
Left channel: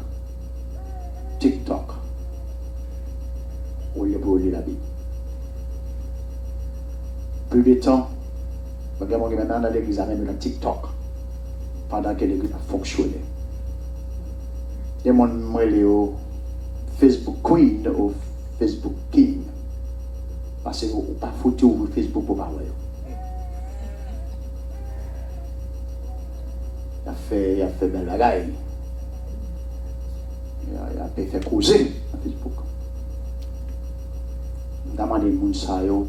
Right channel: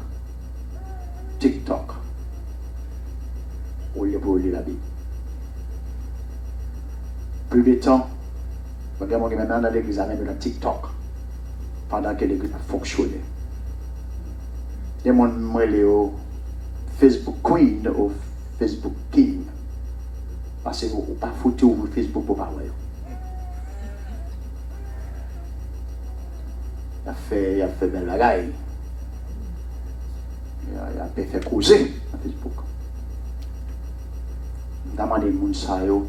TikTok, au lieu pour lire la Bible. Plus de temps, regardez maintenant dans l'église même dans TikTok, pendant que l'église a fonctionné. Les gens m'ont Facebook Queen ou Facebook King. Parce que vous n'avez pas foutu ouvrir Facebook pour parler. Il a fait belle bagaille. Il a fait causer sur Facebook. Je demande aux gens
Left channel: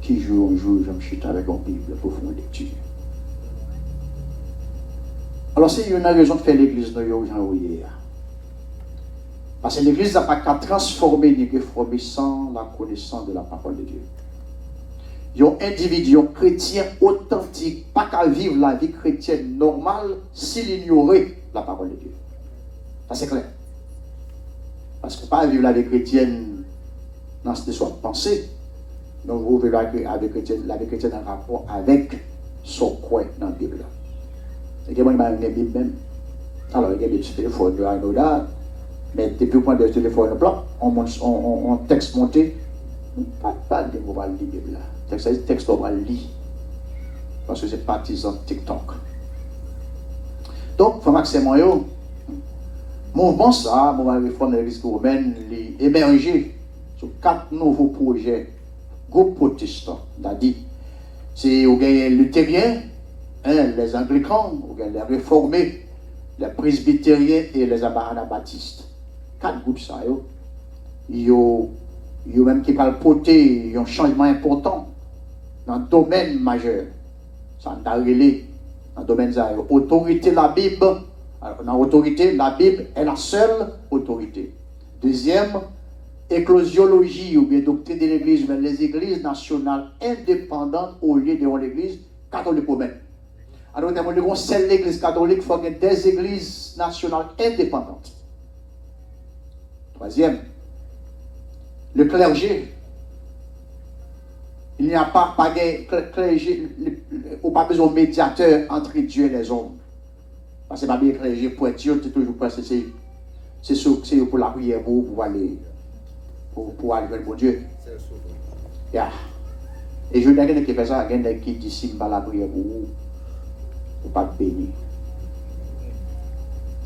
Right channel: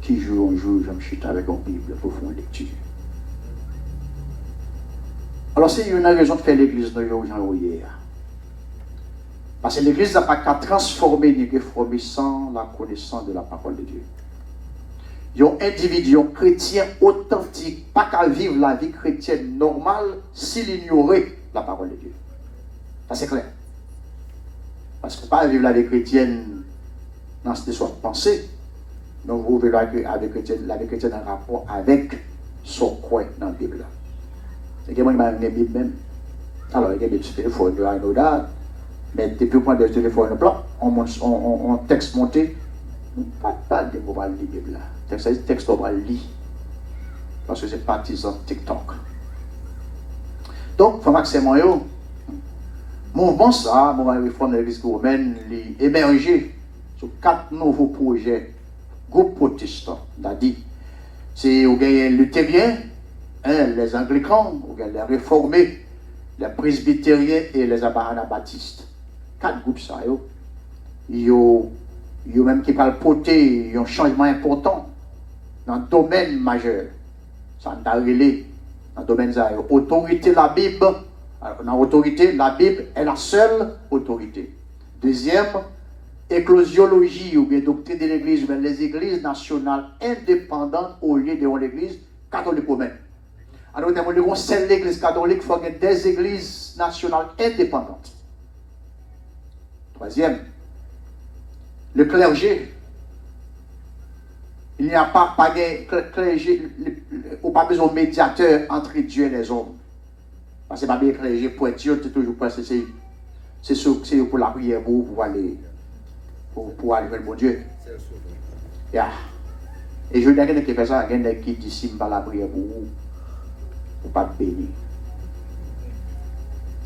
qui joue un jour, je me chute avec une Bible pour faire une lecture. Alors, c'est une raison de faire l'église de Jean-Rouillé. Parce que l'église n'a pas qu'à transformer ni réformer sans la connaissance de la parole de Dieu. Il y a un individu, un chrétien authentique, pas qu'à vivre la vie chrétienne normale s'il ignorait la parole de Dieu. Ça c'est clair. Parce que pas vivre la vie chrétienne dans ce soit pensée, donc vous vivez la vie chrétienne en rapport avec son coin dans la Bible. Et que moi, il m'a amené la Bible même. Alors, il y a des téléphones de Anoda. Mais depuis qu'on a des téléphones blancs, on texte monté, pas de vous va lire la Bible. Texte on va lire. Parce que c'est partisan TikTok. Donc, il faut maximum yo. Mouvement ça, mouvement réforme de l'Église romaine, émergé sur 4 nouveaux projets, groupes protestants. C'est-à-dire, c'est les luthériens, les anglicans, les réformés, les presbytériens et les anabaptistes. 4 groupes ça, yo même qui parlent porter un changement important dans le domaine majeur. Ça a relé dans le domaine ça. Autorité la Bible. Alors, dans l'autorité, la Bible est la seule autorité. Deuxième, éclosiologie ou bien doctrine de l'Église, mais les églises nationales indépendantes au lieu de l'Église catholique romaine. Alors, on sait l'Église catholique, il faut qu'il y ait des églises nationales indépendantes. Troisième, le clergé. Il n'y a pas de clergé, ou pas besoin de médiateur entre Dieu et les hommes. Parce que pas bien clergé pour être Dieu, c'est toujours pas c'est pour la prière pour aller vers le bon Dieu. Yeah. Et je dis à quelqu'un qui fait ça, quelqu'un qui dissimule par la prière pour pas bénir.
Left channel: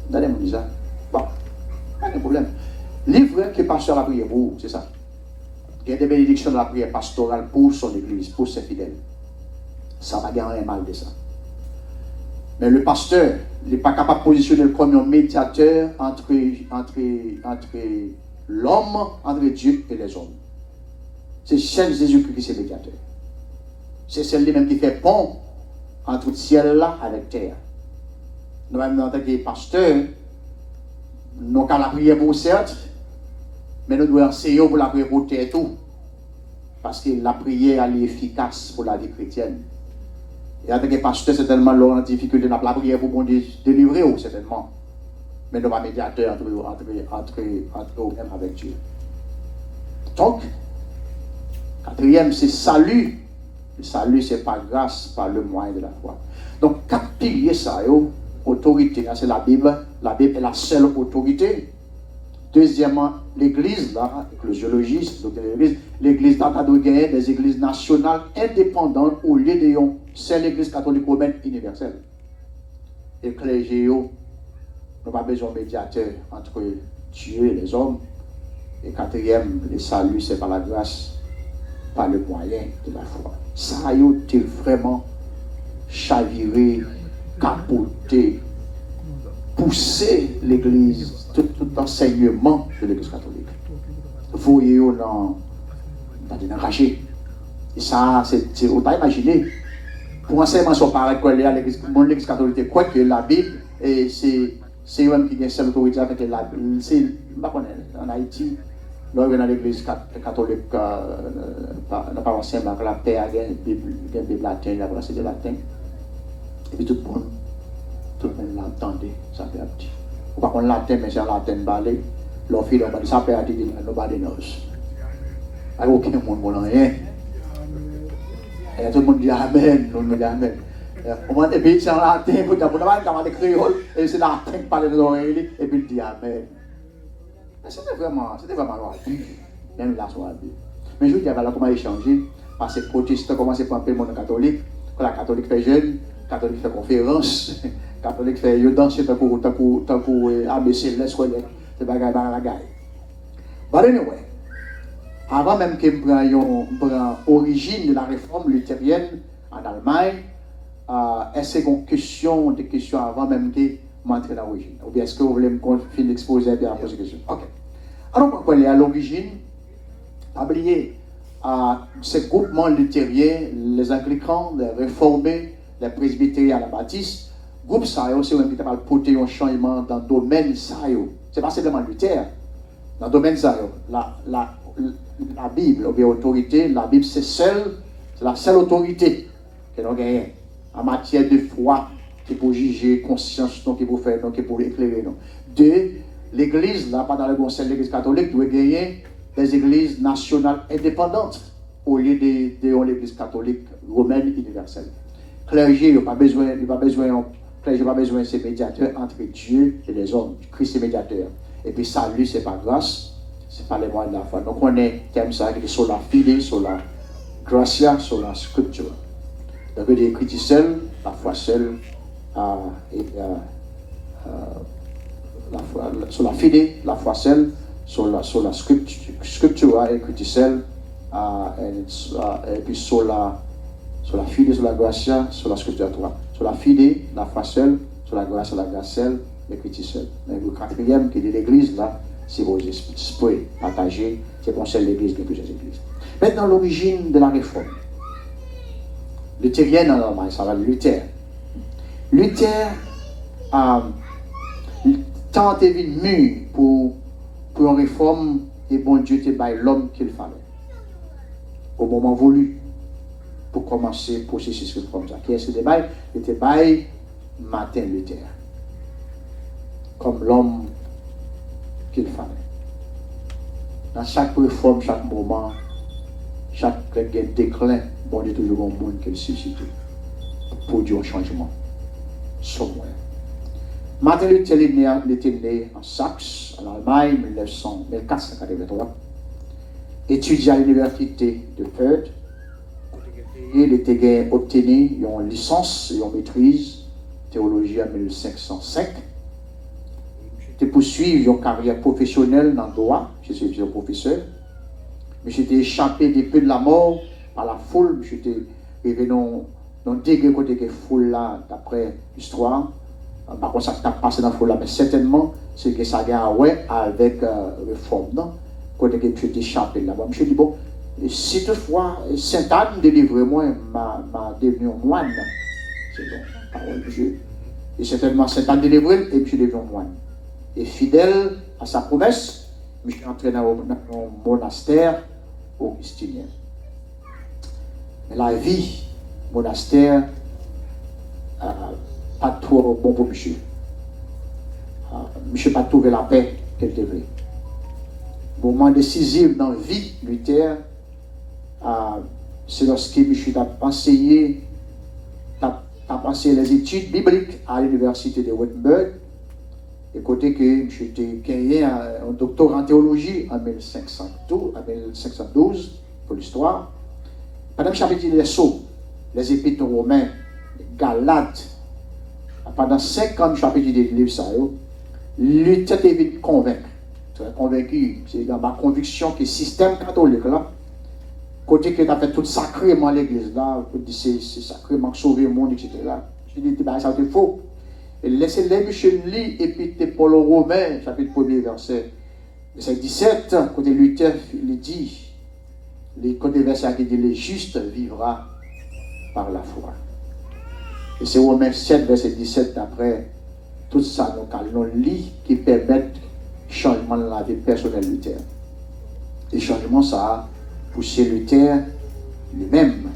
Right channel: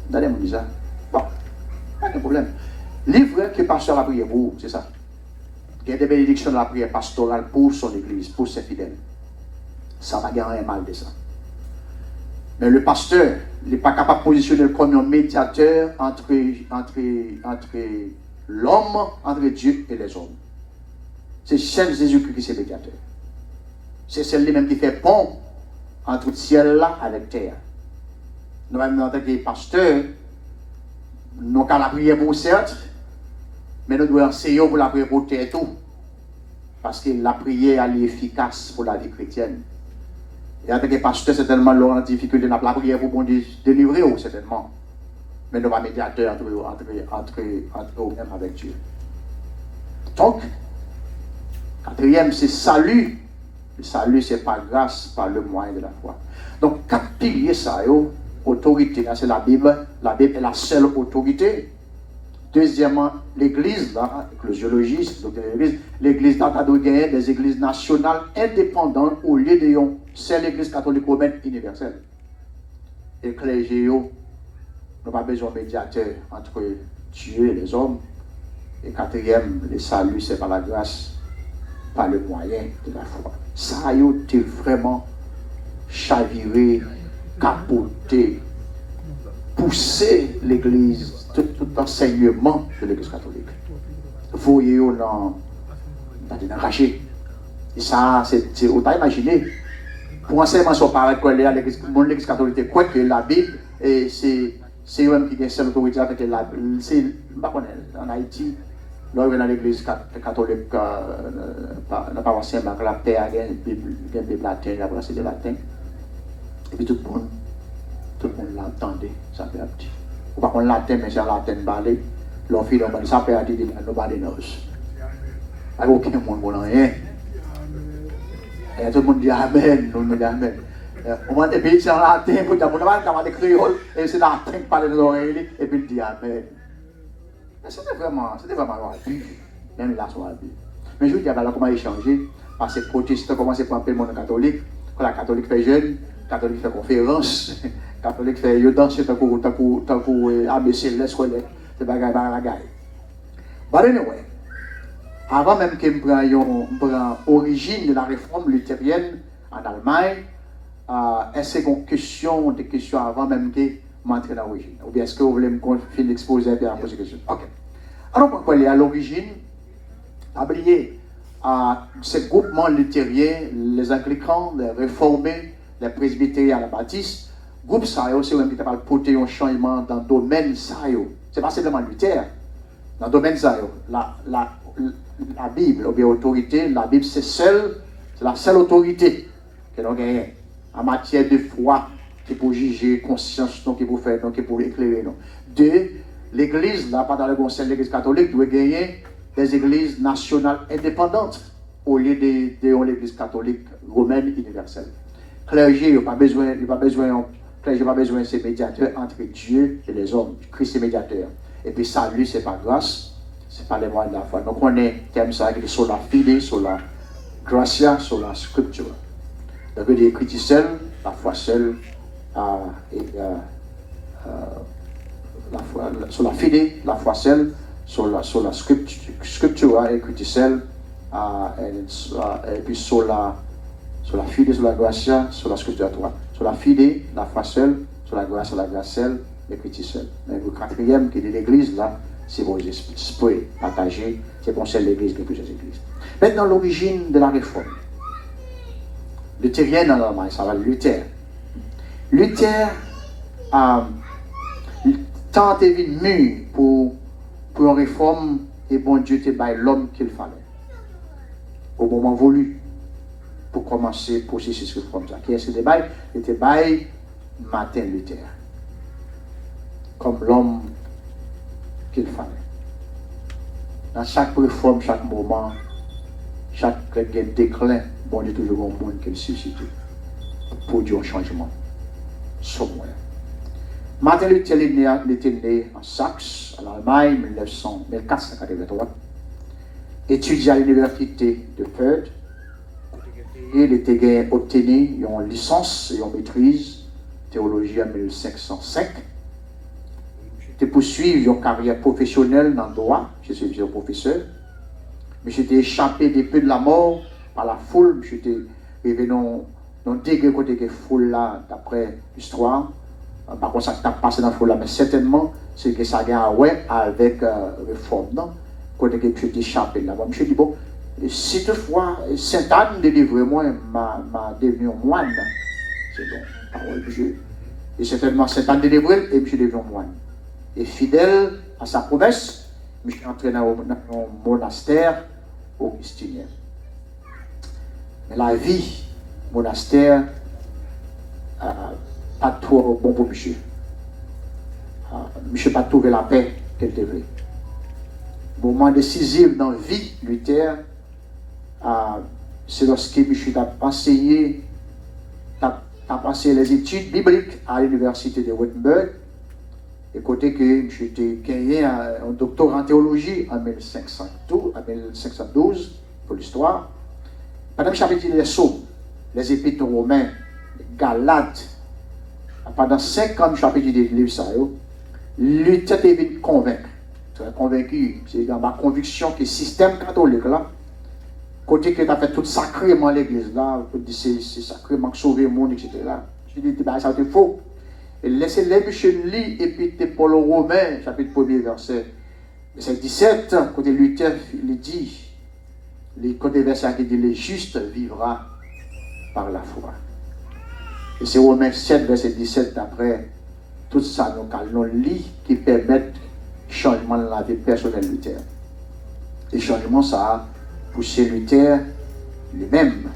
Vous allez me dire ça? Bon, pas de problème. Livre qui passe sur la prière pour vous, c'est ça. Il y a des bénédictions de la prière pastorale pour son église, pour ses fidèles. Ça va gagner un mal de ça. Mais le pasteur, il n'est pas capable de positionner comme un médiateur entre l'homme, entre Dieu et les hommes. C'est seul Jésus-Christ qui est médiateur. C'est celui-même qui fait pont entre le ciel là avec terre. Nous-mêmes, en tant que pasteurs, nous avons la prière pour certes, mais nous devons enseigner pour la prière pour terre tout. Parce que la prière est efficace pour la vie chrétienne. Et en tant que pasteur, c'est tellement lourd en difficulté, la prière pour bon Dieu délivrer, certainement. Mais nous sommes médiateurs entre nous-mêmes avec Dieu. Donc, quatrième, c'est salut. Le salut, c'est par grâce, par le moyen de la foi. Donc, quatre piliers, ça, autorité, c'est la Bible. La Bible est la seule autorité. Deuxièmement, l'Église, l'ecclésiologie, l'Église doit gagner des églises nationales indépendantes au lieu de c'est l'Église catholique romaine universelle. Et le clergé, nous n'avons pas besoin de médiateur entre Dieu et les hommes. Et quatrième, le salut, c'est par la grâce, par le moyen de la foi. Ça a été vraiment chaviré, capoté, poussé l'Église, tout l'enseignement de l'Église catholique. Voyez dans caché. Et ça, c'est autant imaginer. Pour enseignement sur pareil que l'Église catholique, quoi que la Bible, c'est eux qui ont cette autorité avec la Bible. C'est en Haïti, là, dans l'Église catholique, n'a pas enseignement avec la paix, il y a une Bible latine, là, c'est de latin. Et puis tout le monde l'entendait, ça peut être. Ou pas qu'on latin, mais c'est en latin balé. L'on fait donc ça peut être dit nobody knows. Il n'y a aucun monde qui ne rien. Et tout le monde dit Amen, nous dit Amen. Au moins, et puis c'est en latin, pour dire, on va dans les créoles, et c'est latin qui parle de l'oreille, et puis il dit Amen. C'était vraiment même là, soit mais je vous dis, comment échanger, parce que les protestants commencent à prendre le monde catholique, quand la catholique fait jeune, catholique fait conférence, catholique fait danser tant que ABC, les scolaires, c'est bagaille. But anyway, avant même que je prenne l'origine de la réforme luthérienne en Allemagne, est-ce qu'il y a des questions avant même que je m'entre dans l'origine? Ou bien est-ce que vous voulez me confier l'exposé et bien poser des questions? Ok. Alors, pourquoi aller à l'origine? Oubliez, ces groupements luthériens, les anglicans, les réformés, les presbytériens à la baptiste, groupe ça, c'est un qui porter un changement dans le domaine ça. C'est pas simplement Luther. Dans le domaine ça, la Bible, ou bien autorité, la Bible c'est la seule autorité que nous gagnons en matière de foi, qui pour juger, conscience, qui pour faire, qui pour éclairer. Deux, l'Église, là, pas dans le conseil de l'Église catholique, doit gagner des églises nationales indépendantes au lieu de l'Église catholique romaine universelle. Clergé, il n'y a pas besoin de ces médiateurs entre Dieu et les hommes. Christ est médiateur. Et puis salut, c'est par grâce, c'est par les moyens de la foi. Donc on est thème ça, sur la fide, sur la gratia, sur la scripture. Donc il y a écrit seul, la foi seule, sur la fide, la foi seule, sur la scripture, écrit seul, et puis sur la fide, sur la gratia, sur la scripture 3. Sur la fide, la foi seule, sur la grâce seule, l'écriture seule. Mais le quatrième qui est de l'église, là, c'est vos esprits partagés, c'est qu'on sait l'église de plusieurs églises. Maintenant, l'origine de la réforme. Luthérienne en Allemagne, ça va Luther. Luther a tenté de mûr pour une réforme et bon Dieu te baille l'homme qu'il fallait. Au moment voulu, pour commencer le processus comme ça. Qui est-ce que te baille? Il te baille Martin Luther. Comme l'homme qu'il fallait. Dans chaque réforme, chaque moment, chaque déclin, bon Dieu toujours un monde qu'il suscite pour produire un changement. Son moyen. Martin Luther était né en Saxe, en Allemagne, en 1483. Étudié à l'université de Fürth. Il était obtenu une licence et une maîtrise théologie en 1505. Il poursuivi une carrière professionnelle dans le droit. Je suis un professeur. Mais j'étais échappé des peu de la mort par la foule. J'étais arrivé dans le degré côté de la foule là, d'après l'histoire. Par contre, ça t'a passé dans la foule là, mais certainement, c'est que ça a gagné ouais, avec réforme. Non? Côté que j'étais échappé là-bas. Je me suis dit, bon, si toutefois, Sainte-Anne délivre moi, m'a devenu moine. C'est donc la parole de Dieu. Et certainement, Sainte-Anne délivre et je suis devenu moine. Et fidèle à sa promesse, je suis entré dans un monastère augustinien. Mais la vie, monastère, pas trop bon pour monsieur. Monsieur n'a pas trouvé la paix qu'elle devait. Moment décisif dans la vie, Luther, c'est lorsque monsieur a enseigné les études bibliques à l'université de Wittenberg. Et côté que j'ai gagné un doctorat en théologie en 1512 pour l'histoire. Pendant que j'avais dit les Sceaux, les Épîtres aux Romains, les Galates, pendant 5 ans, j'ai dit des livres, ça, Luther était convaincu. Très convaincu, c'est dans ma conviction que le système catholique, là, côté que tu as fait tout sacrément à l'église, là, c'est sacrément sauver le monde, etc. Je dis, ça c'était faux. Et laissez-les, monsieur, lit Épître Paul aux Romains, chapitre 1er, verset 17, côté Luther, il dit, les côté verset qui dit, le juste vivra par la foi. Et c'est Romains 7, verset 17, d'après tout ça, nous lit qui permettent changement de la vie personnelle de Luther. Et changement, ça a poussé Luther lui-même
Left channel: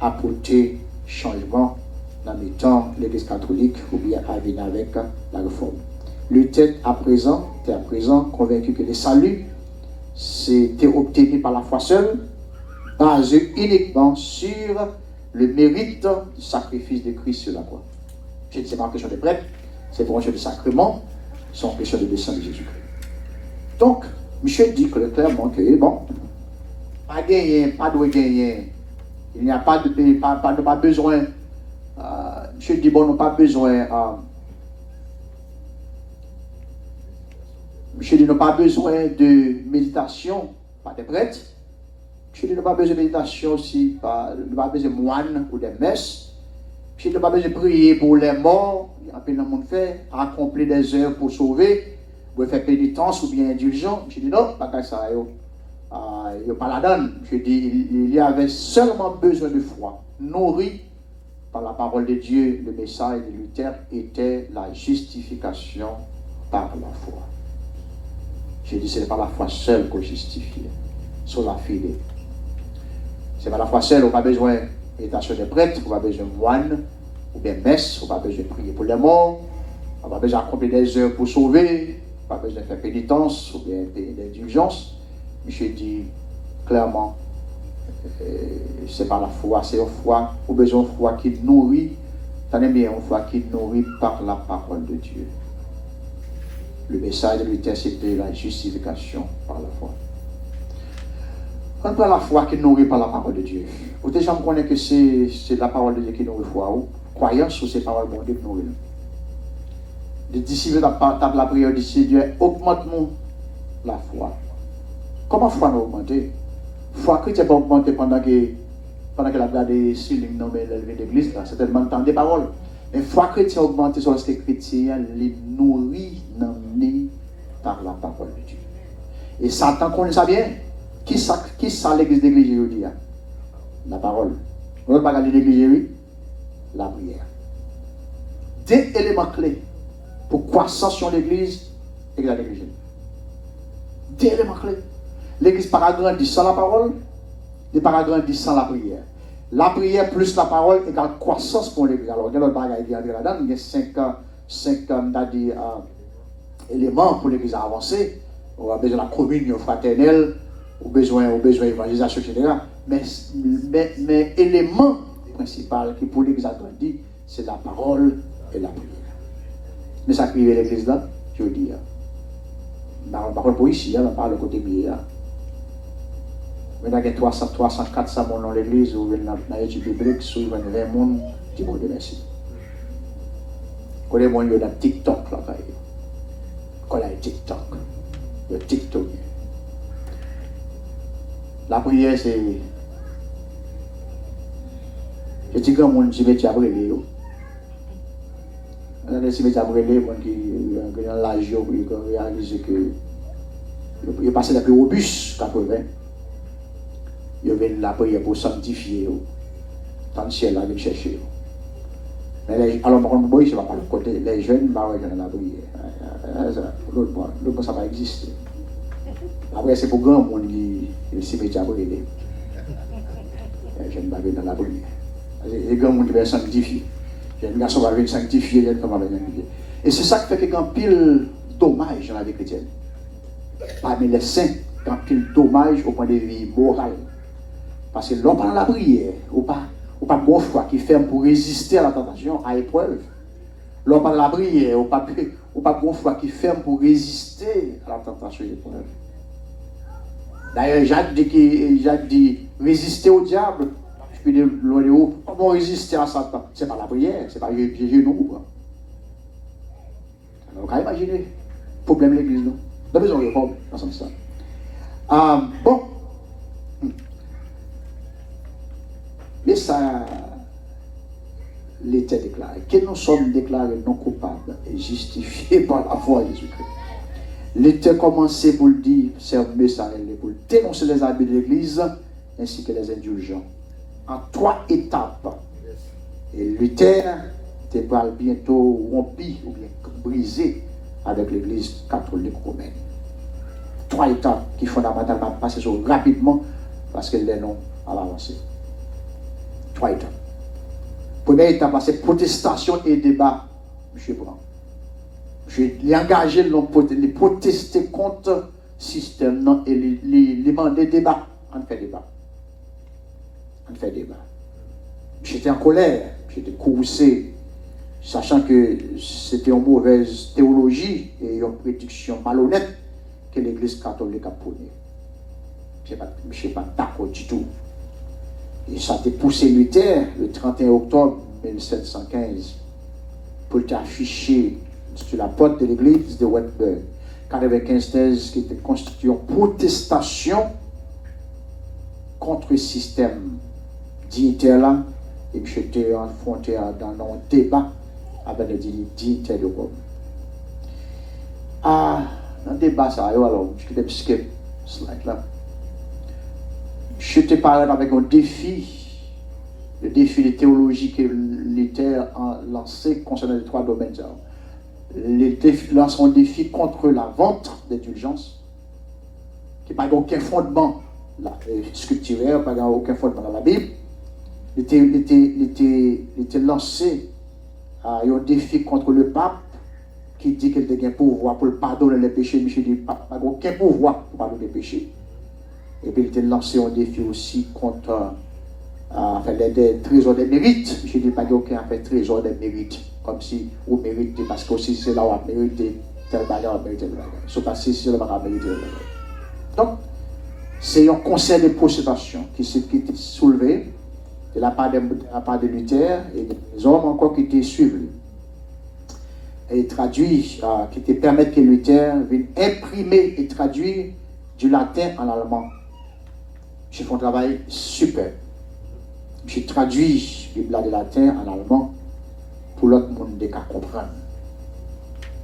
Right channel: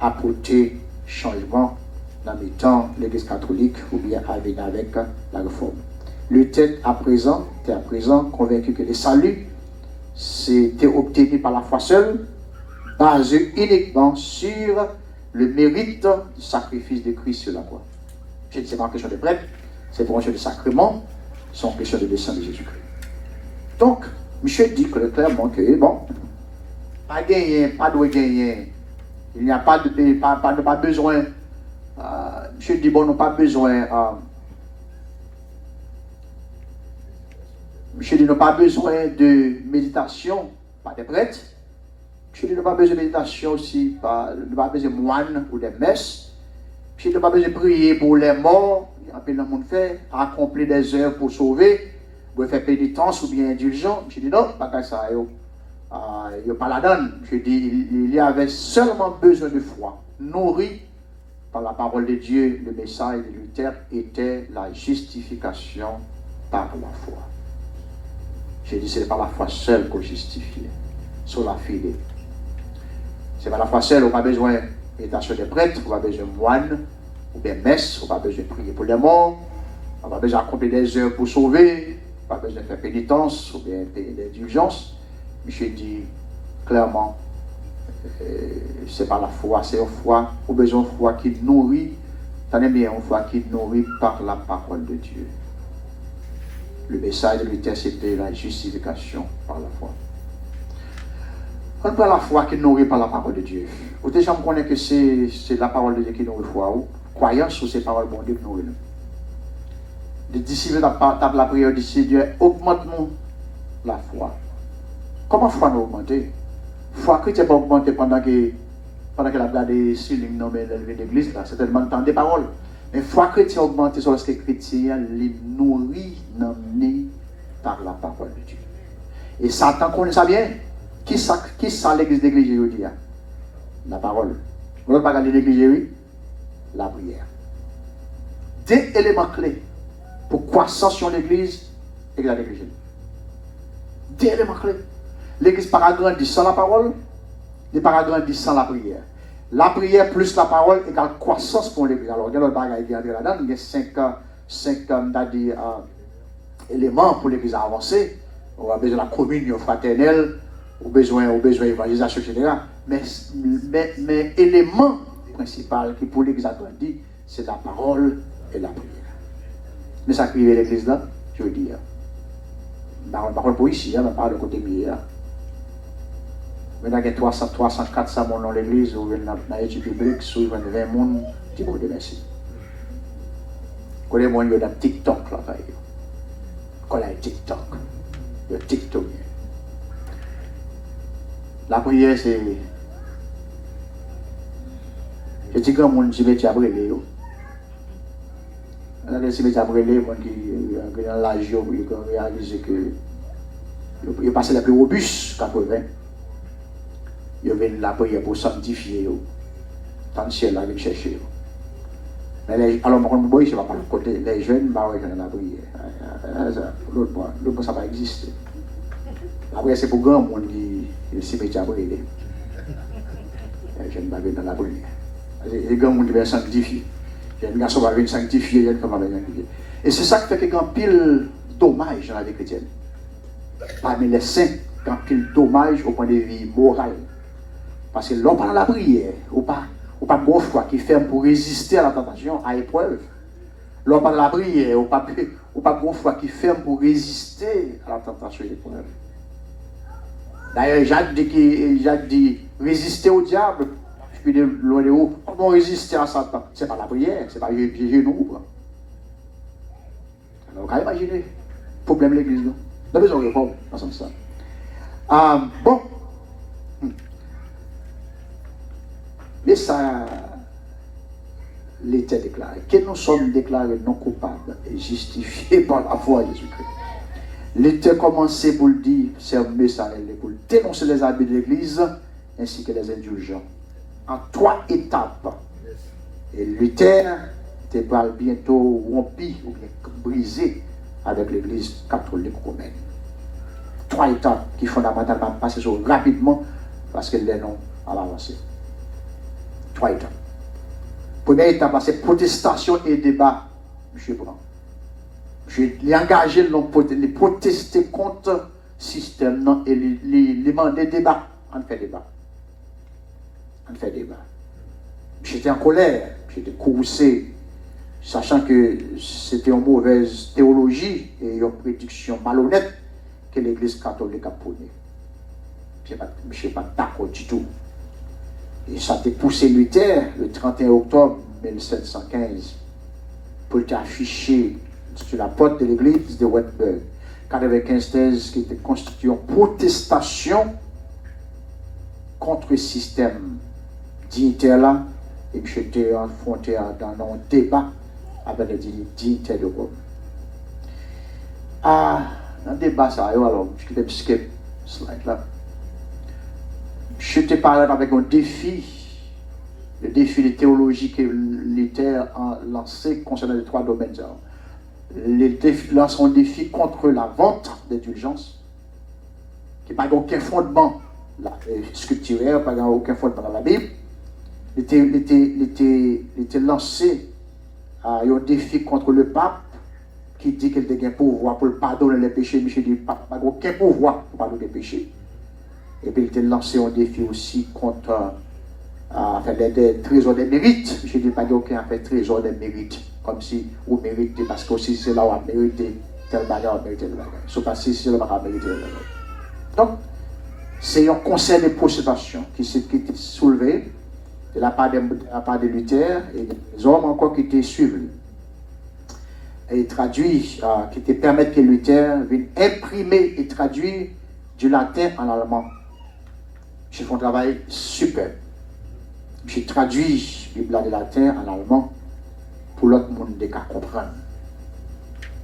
à porter changement dans les temps de l'Église catholique ou bien à venir avec la réforme. Luther, à présent, convaincu que le salut, c'était obtenu par la foi seule, basé uniquement sur le mérite du sacrifice de Christ sur la croix. Je ne sais pas en question de prêtre, c'est pour une question de sacrement, c'est en question de descente de Jésus-Christ. Donc, monsieur dit clairement que, bon, pas gagner, pas de gagner, il n'y a pas besoin. Monsieur dit, bon, nous pas besoin. Monsieur dit, nous pas besoin de méditation, pas de prêtre. Monsieur dit, nous pas besoin de méditation aussi, nous pas besoin de moine ou de messes. Monsieur dit, nous pas besoin de prier pour les morts, il y a un peu de monde fait, accomplir des heures pour sauver, pour faire pénitence ou bien indulgence. Monsieur dit, non, pas ça, il n'y a pas la donne. Je dis, il y avait seulement besoin de foi, nourri par la parole de Dieu. Le message de Luther était la justification par la foi. Je dis, ce n'est pas la foi seule qu'on justifie, c'est la fide. Ce n'est pas la foi seule, on n'a pas besoin d'invitation des prêtres, on n'a pas besoin de moines, ou bien messe, on n'a pas besoin de prier pour les morts, on n'a pas besoin d'accomplir des heures pour sauver, on n'a pas besoin de faire pénitence ou bien payer d'indulgence. Monsieur dit clairement, c'est pas la foi, c'est une foi, ou besoin de foi qui nourrit, t'en es bien, une foi qui nourrit par la parole de Dieu. Le message de Luther, c'était la justification par la foi. On prend la foi qui nourrit par la parole de Dieu. Vous déjà me connaissez que c'est la parole de Dieu qui nourrit la foi, ou croyance ou c'est la parole de Dieu qui nourrit. Les disciples tapent la prière du Seigneur, augmente-nous la foi. Comment la foi nous augmenter? La foi chrétienne pas augmenter pendant qu'elle a regardé Silim nommé l'élevé d'église, c'est tellement temps des paroles. Mais la foi chrétienne augmente sur ce que les chrétiens les nourrit par la parole de Dieu. Et Satan connaît ça bien. Qui ça l'église d'église aujourd'hui? La parole. On ne peut pas regarder l'église, la prière. Deux éléments clés pour croissance sur l'église et la l'église. Deux éléments clés. L'église n'a pas grandi sans la parole, elle n'a pas grandi sans la prière. La prière plus la parole égale croissance pour l'église. Alors, il y a d'autres bagages qui entrent là-dedans, il y a 5 éléments pour l'église à avancer. On a besoin de la communion fraternelle, on a besoin de l'évangélisation, etc. Mais l'élément principal qui pour l'église a grandi, c'est la parole et la prière. Mais ça qui est l'église là, je veux dire. Par contre, pour ici, on parle de côté biais. Mais il y a 300, 400 personnes dans l'église, ou dans l'étude biblique, sur 20 personnes, qui vont merci. Quand les gens sont dans TikTok, là, quand il y a TikTok, le TikTok. La prière, c'est. Je dis que mon cimetière a brûlé. Le cimetière a brûlé, qui ont l'âge, ils ont réalisé que. Ils ont passé la plus robuste, 80. Ils ont la prière pour sanctifier. Tant que ciel, ils chercher. Mais alors, moi, je ne vais pas le côté. Les jeunes, ils vont dans la prière. L'autre, ça va exister. Après, c'est pour grand monde qui le cimetière brûlé. Les jeunes vont dans la prière. Les grands monde qui vont sanctifier. Les garçons vont sanctifier, les femmes vont sanctifier. Et c'est ça qui fait qu'il y a un pile dommage dans la vie chrétienne. Parmi les saints, il y a un pile dommage au point de vue moral. Parce que l'on parle de la prière, ou pas bon foi qui fait pour résister à la tentation, à l'épreuve. L'on parle de la prière, ou pas bon foi qui fait pour résister à la tentation, à l'épreuve. D'ailleurs, Jacques dit résister au diable. Je peux dire, comment résister à Satan? C'est pas la prière, c'est pas les genoux. Alors, on va imaginer le problème de l'église. On a besoin de réforme dans ce sens. Bon. Mais ça, l'État déclaré que nous sommes déclarés non coupables et justifiés par la foi de Jésus-Christ. L'État commencé pour le dire, c'est un message pour dénoncer les habits de l'Église ainsi que les indulgents. En 3 étapes. Et Luther était bientôt rompu ou bien brisé avec l'Église catholique romaine. 3 étapes qui fondamentalement passent rapidement parce que les noms à l'avancée. 3 étapes. Première étape, c'est protestation et débat. M. Brand. Je l'ai engagé les protester contre le système et les demander débat. On fait débat. J'étais en colère, j'étais courroucé, sachant que c'était une mauvaise théologie et une prédiction malhonnête que l'Église catholique a prônée. Je ne suis pas d'accord du tout. Et ça a été poussé Luther le 31 octobre 1715 pour afficher sur la porte de l'église de Wittenberg 95 thèses qui étaient constituées en protestation contre le système dignitaire là, et que j'étais affronté dans un débat avec les dignitaires de Rome. Dans le débat, ça, alors, je vais skip slide là. Je te parle avec un défi, le défi de théologie que Luther a lancé concernant les 3 domaines. Il lance un défi contre la vente d'indulgence, qui n'a pas aucun fondement scripturaire, pas aucun fondement dans la Bible. Il était lancé un défi contre le pape, qui dit qu'il a un pouvoir pour pardonner les péchés. Michel dit qu'il n'a aucun pouvoir pour pardonner les péchés. Et puis il était lancé un défi aussi contre les trésors des mérites. Je ne dis pas qu'il n'y a aucun trésor des mérites. Comme si on méritait, parce que aussi c'est là où on a mérité tel bagage, on a mérité tel bagage. Sauf que si c'est là où on a mérité tel bagage. Donc, c'est un conseil de protestation qui était soulevé de la part de Luther et des hommes encore qui étaient suivis. Et traduit, qui te permettent que Luther vienne imprimer et traduire du latin en allemand. J'ai fait un travail super. J'ai traduit la Bible de latin en allemand pour l'autre monde de comprendre.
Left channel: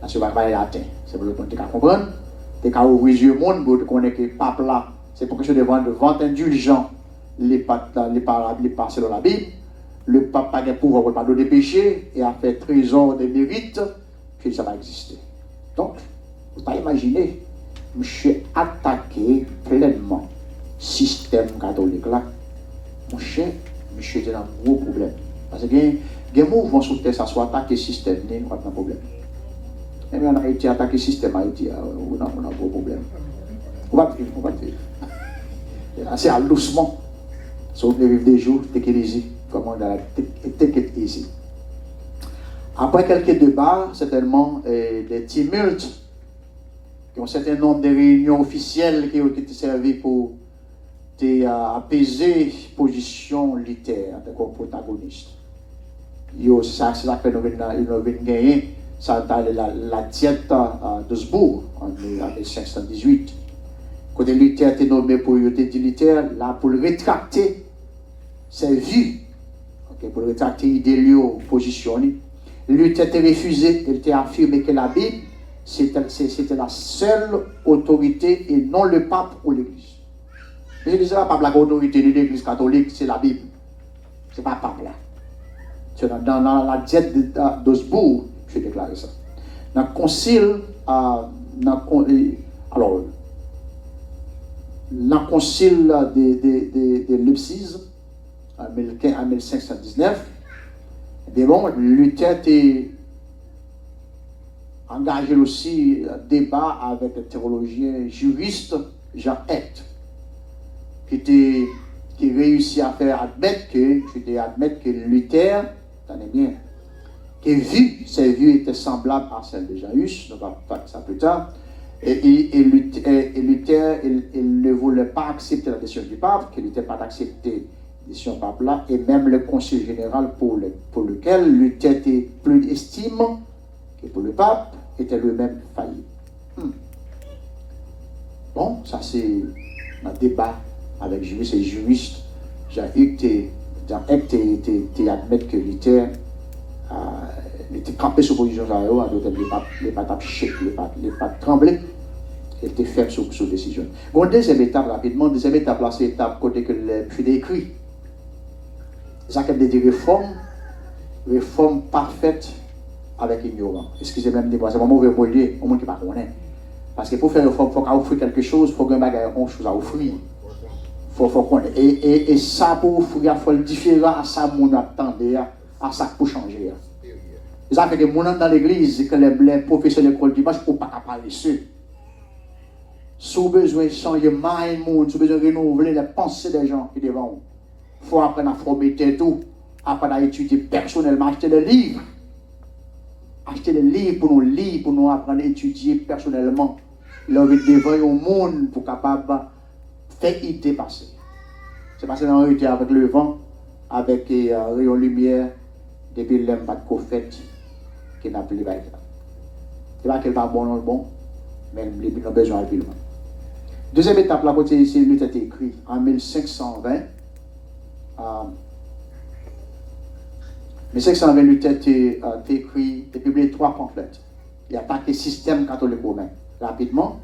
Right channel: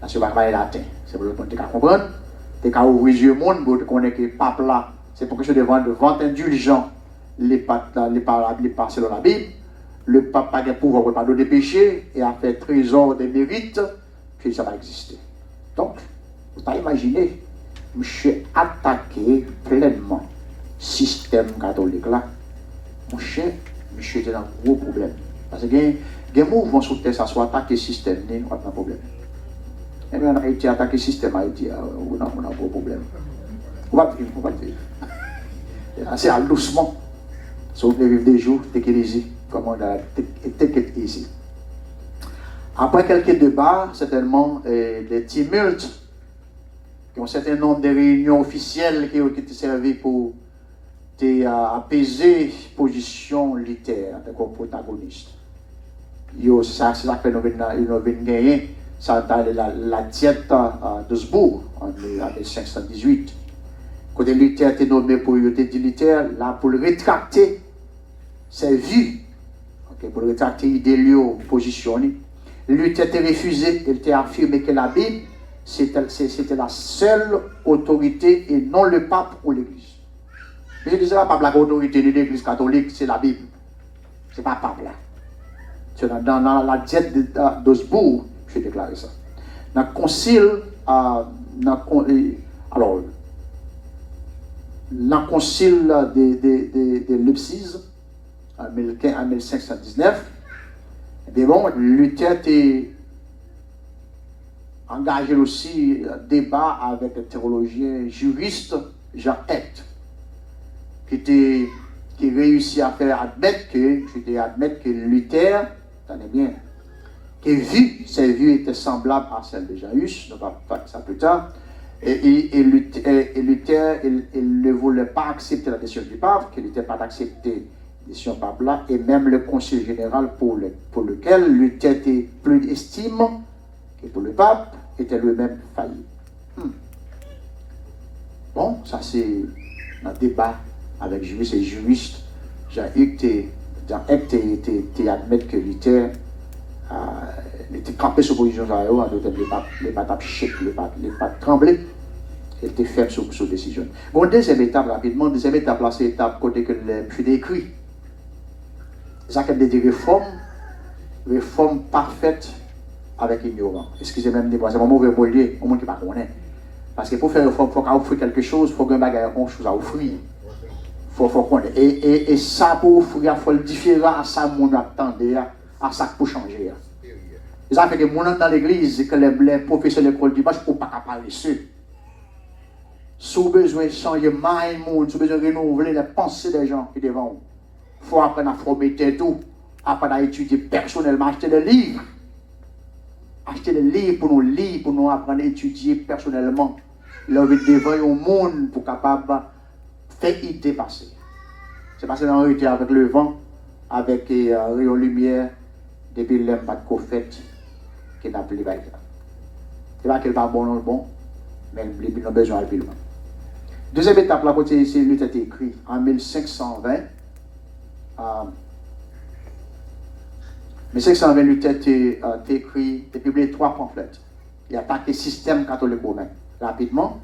Là, c'est pas travail latin, c'est pour l'autre monde de comprendre. De ouvrir les yeux monde pour connaître que le pape là, c'est pour que je devant de vente indulgent les pas selon la Bible. Le pape n'a pas de pouvoir pour pardonner des péchés et a fait trésor des mérites, puis ça va exister. Donc, vous pouvez imaginer monsieur attaqué pleinement système catholique là, mon cher, monsieur était dans un gros problème. Parce que il y a un mouvement sur terre, ça soit attaquer le système, on a un problème. Et bien, on a été attaqué le système, Haïti, on a un gros problème. On va vivre. C'est doucement. Si vous vivre des jours, take it easy. Comment on a take it easy. Après quelques débats, certainement, des tumultes, qui ont un certain nombre de réunions officielles qui ont été servies pour apaiser la position littéraire comme protagoniste. C'est ça que nous venons gagner, ça dans la diète d'Augsbourg en 1518. Quand Luther était nommé pour Luther, là pour le rétracter ses vues, pour le rétracter l'idée position. Luther était refusé, il était affirmé que la Bible c'était la seule autorité et non le pape ou l'Église. Je disais pas la autorité de l'Église catholique, c'est la Bible. C'est pas pape là. C'est dans la diète d'Augsbourg, je déclaré ça. Dans le concile, de Leipzig, en 1519, Luther était engagé aussi un débat avec le théologien juriste Jean Hect, qui réussit à faire admettre que Luther, tenez bien, que ses vues étaient semblables à celles de Janus, on va voir ça plus tard, et Luther, il ne voulait pas accepter la décision du pape, qu'il n'était pas d'accepter la décision du pape là, et même le conseil général pour lequel Luther était plus estime que pour le pape, était lui-même failli. Bon, ça c'est un débat avec juristes et juristes. J'ai admettre que Luther était campé sur position les pattes chèques, les pattes tremblées, il était ferme sur décision. Bon, deuxième étape rapidement, deuxième étape là, c'est l'étape côté que je décrit. Ça qui est des réformes parfaites avec ignorant. Excusez-moi, c'est un mauvais mot, au monde qui ne connaît pas. Parce que pour faire une réforme, il faut offrir quelque chose, il faut qu'il y ait une chose à offrir. Faut connaître. Et ça, pour offrir, il faut le différent à ça, mon attendait, à ça pour changer. Ça fait que mon dans l'église, que les professeurs de l'école dimanche, il ne faut pas parler dessus. Si vous avez besoin de changer le monde, si vous avez besoin de renouveler les pensées des gens qui devant vous, il faut apprendre à former tout, apprendre à étudier personnellement, acheter des livres. Acheter des livres pour nous lire, pour nous apprendre à étudier personnellement. L'homme est devant un monde pour capable faire idée passer. C'est passé dans le avec le vent, avec rayon lumière, depuis l'homme pas de prophète qui n'a plus de bail. C'est pas qu'il va bon, non le bon, mais il a besoin de le bon. Deuxième étape, la côté ici, lui a été écrit en 1520. 1520, lui a été écrit et publié 3 pamphlets. Il a attaqué le système catholique romain. Rapidement,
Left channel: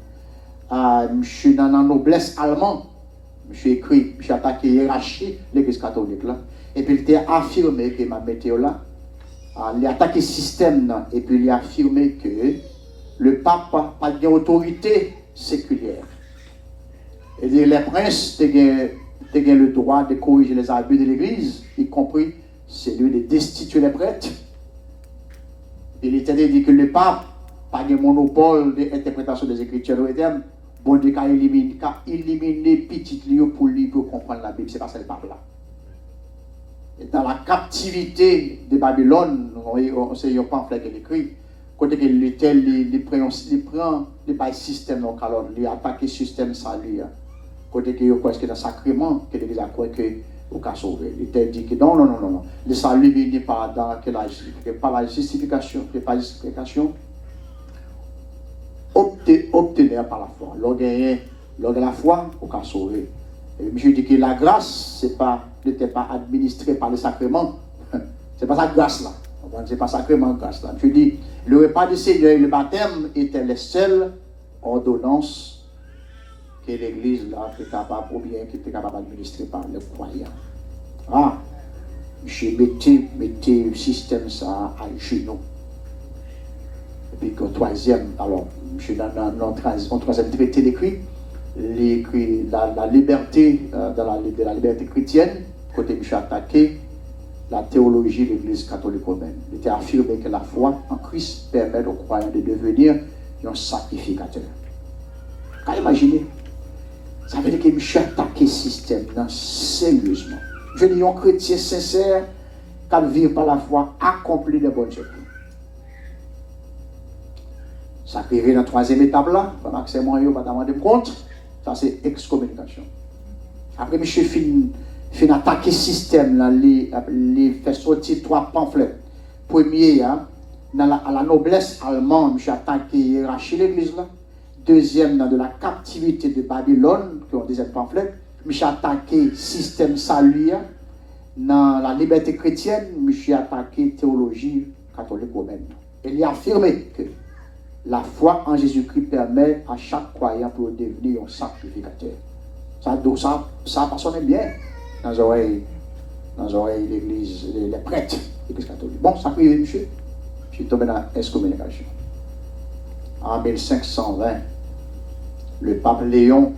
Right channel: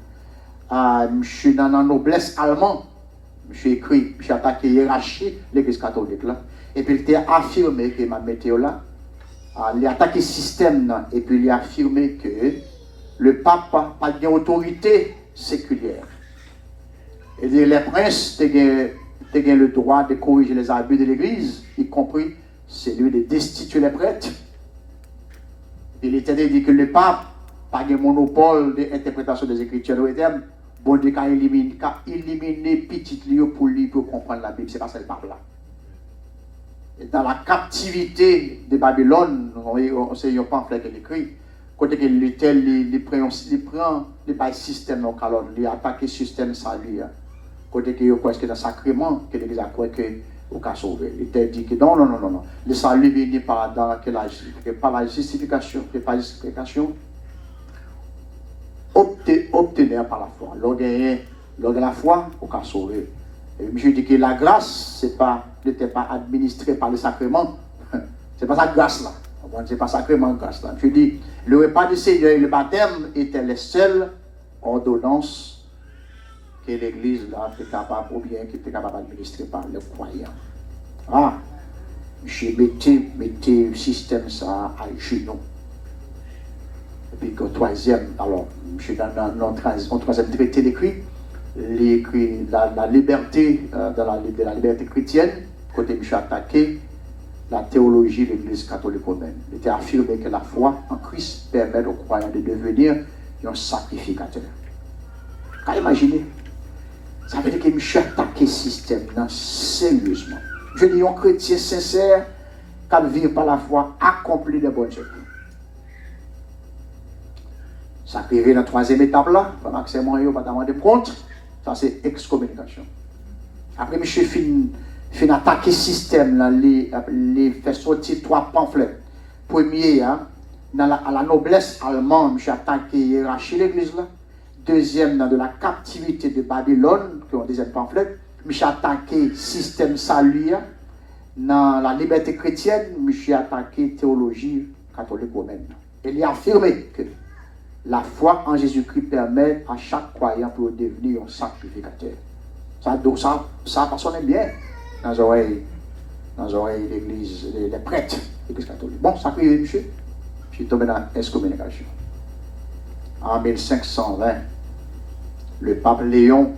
je suis dans la noblesse allemande. Je suis attaqué la hiérarchie de l'église catholique. Là. Et puis il a affirmé que ma météo là, il a attaqué le système et puis il a affirmé que le pape n'a pas d'autorité séculière. Et les princes ont le droit de corriger les abus de l'église, y compris celui de destituer les prêtres. Il était dit que le pape n'a pas de monopole d'interprétation des Écritures. Bon Dieu a éliminé petit lieu pour comprendre la Bible. C'est pas ça le pape là. Et dans la captivité de Babylone, c'est un pamphlet qui est écrit. Côté que Luther, il prend le système, donc alors il attaque le système sans lui. Côté que il croit que dans le sacrement, que l'Église a cru que au cas sauvé. Luther dit que non. Le salut n'est pas dans la justification, pas la justification. Obtenir par la foi. Lors de la foi, au cas sauvé. Et je dis que la grâce, n'était pas administrée par le sacrement. C'est pas sa grâce là. C'est pas sacrement grâce là. Je dis, le repas du Seigneur et le baptême étaient les seules ordonnances que l'Église là était capable, ou bien qui était capable d'administrer par les croyants. Je mettais le système ça à genoux. Et puis que troisième, alors, monsieur dans le troisième traité d'écrit, la liberté, de la liberté chrétienne, côté monsieur attaqué la théologie de l'Église catholique romaine. Il était affirmé que la foi en Christ permet aux croyants de devenir un sacrificateur. Quand imaginez, ça veut dire que monsieur attaqué le système sérieusement. Je dis un chrétien sincère qui vit par la foi accomplit de bonnes œuvres. Ça arrive dans la troisième étape là, pendant que c'est moi, pas demander compte, ça c'est excommunication. Après, monsieur fin attaquer le système, là, les fait sortir 3 pamphlets. Premier, à la noblesse allemande, monsieur attaqué hiérarchie l'église là. Deuxième, dans de la captivité de Babylone, qui ont deuxième pamphlet, monsieur attaqué le système salut. Dans la liberté chrétienne, monsieur attaqué théologie catholique romaine. Il a affirmé que la foi en Jésus-Christ permet à chaque croyant de devenir un sacrificateur. Ça sonne bien dans les oreilles de l'église, les prêtres, l'église catholique. Bon, ça prive, monsieur. Je suis tombé dans l'excommunication. En 1520, le pape Léon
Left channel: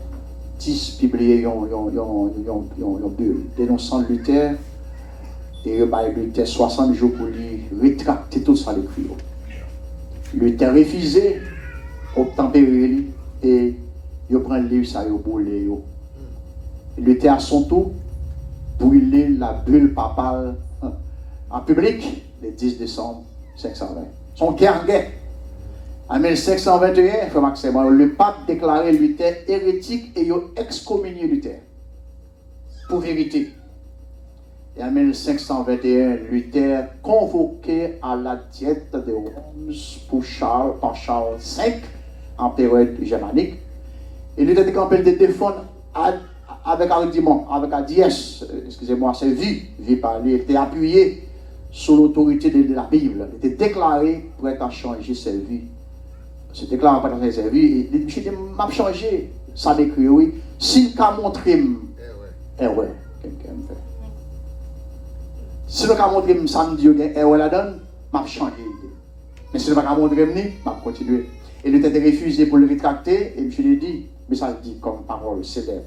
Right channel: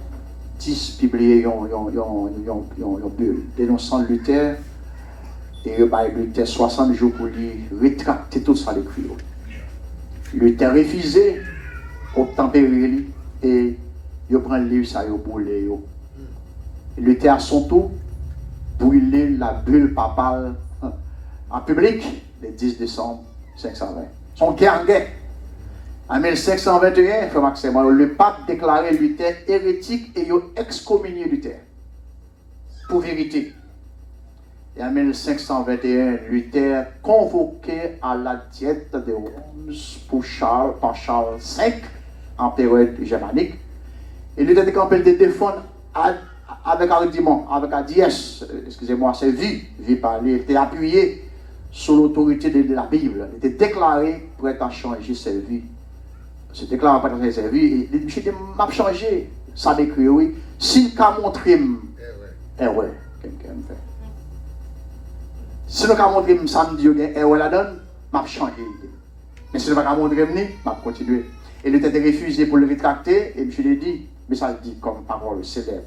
X publié une bulle dénonçant Luther et il a Luther 60 jours pour lui rétracter tout ça l'écrit. Luther refusé, obtempéré et il prend le livre, ça il brûlé. Luther à son tour brûlé la bulle papale en public le 10 décembre 520. Son guerre. En 1521, le pape déclarait Luther hérétique et il a excommunié Luther. Pour vérité. Et en 1521, Luther convoqué à la diète de Worms par Charles V, empereur germanique. Et Luther était capable de défendre avec argument, avec sa vie par lui, il était appuyé sur l'autorité de la Bible. Il était déclaré prêt à changer sa vie. Se déclare pas dans sa vie, il dit, m'a changé, ça décrit, oui. S'il a montré, ouais, quelqu'un me fait. Si nous avons montré samedi, ouais, la donne, m'a changé. Mais si nous n'avons pas montré, m'a continué. Et il était refusé pour le rétracter, et je lui ai dit, mais ça le dit comme parole célèbre.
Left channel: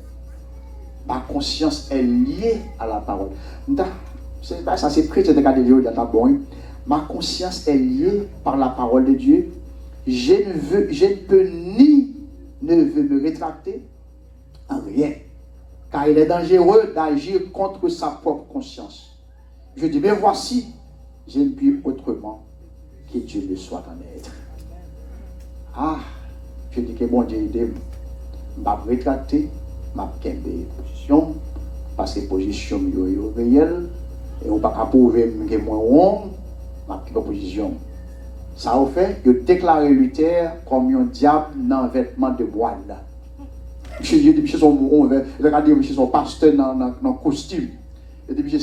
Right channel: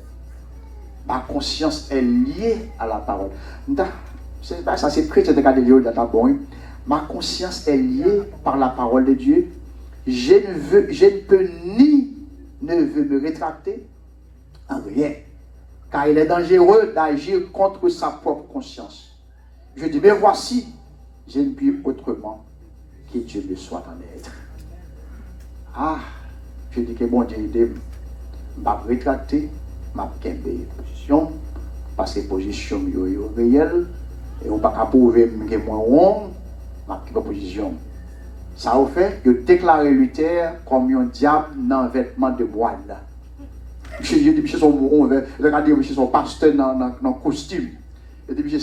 Ma conscience est liée à la parole. Ça c'est chrétien de garder Dieu dans bon. Ma conscience est liée par la parole de Dieu. Je ne peux me rétracter en rien. Car il est dangereux d'agir contre sa propre conscience. Je dis, mais voici, je ne puis autrement que Dieu le soit en être. Ah, je dis que bon Dieu aide, je vais me rétracter, je vais me position, parce que position est réelle, et on ne peut pas prouver que moi, je vais position. Ça a fait que déclarer Luther comme un diable dans un vêtement de moine. Monsieur dit, monsieur son mouron, regardez, monsieur son pasteur dans un costume. Et dit, monsieur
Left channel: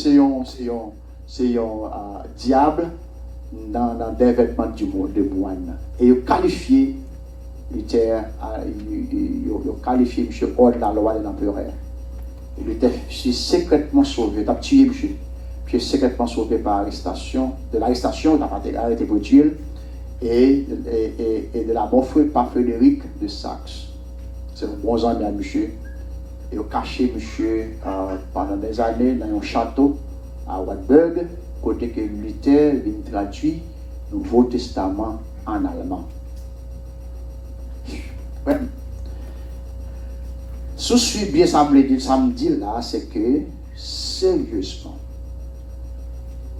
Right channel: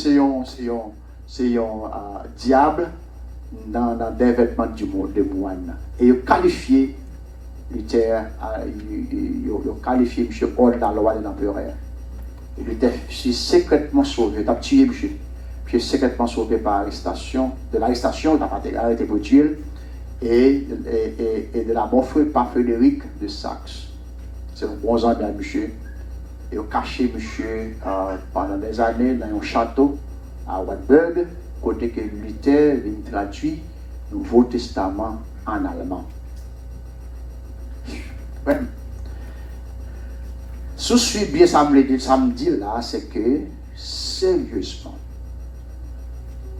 c'est un diable dans des vêtements de moine. Et il qualifié Luther, il qualifié monsieur hors de la loi de l'empereur. Il était secrètement sauvé, il a tué monsieur. Puis secrètement sauvé par l'arrestation, il n'a pas été arrêté pour tuer. Et de la bonne frère par Frédéric de Saxe. C'est un bon ami à monsieur. Et il a caché monsieur pendant des années dans un château à Wartburg, côté que Luther vient traduire le Nouveau Testament en allemand. Ouais. Ce que je suis bien ça me dit là, c'est que sérieusement,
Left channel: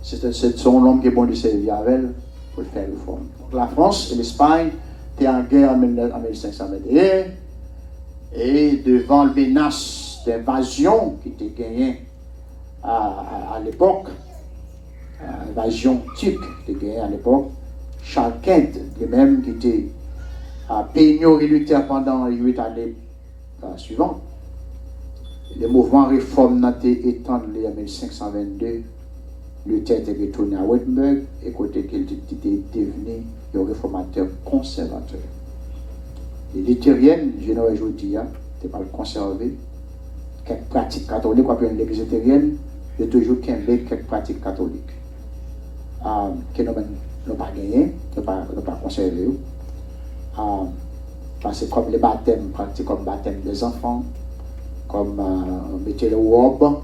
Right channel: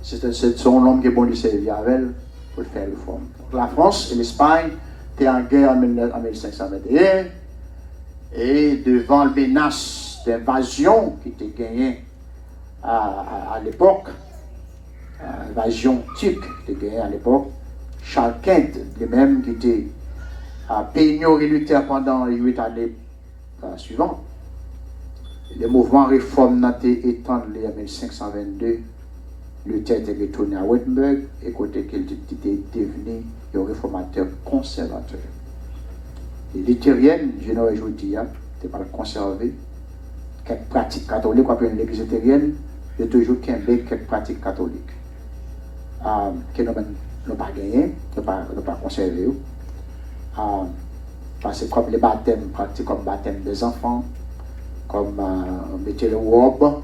c'est son homme qui est bon de servir avec elle pour faire le forme. La France et l'Espagne étaient en guerre en 1521 et devant la menace d'invasion qui était gagnée à l'époque, invasion turque qui était gagnée à l'époque, Charles V, lui-même qui était à Peignot et Luther pendant les 8 années suivantes. Le mouvement réforme n'a été étendu en 1522. Luther était retourné à Wittenberg et côté qu'il était devenu un réformateur conservateur. Les luthériennes, je ne veux pas dire, n'étaient pas conservées. Quelques pratiques catholiques, après l'église luthérienne, il y a toujours quelques pratiques catholiques. Que nous n'avons pas gagné, nous n'avons pas conservé. Parce que comme les baptêmes, pratiquent comme baptême des enfants, comme mettez le robe,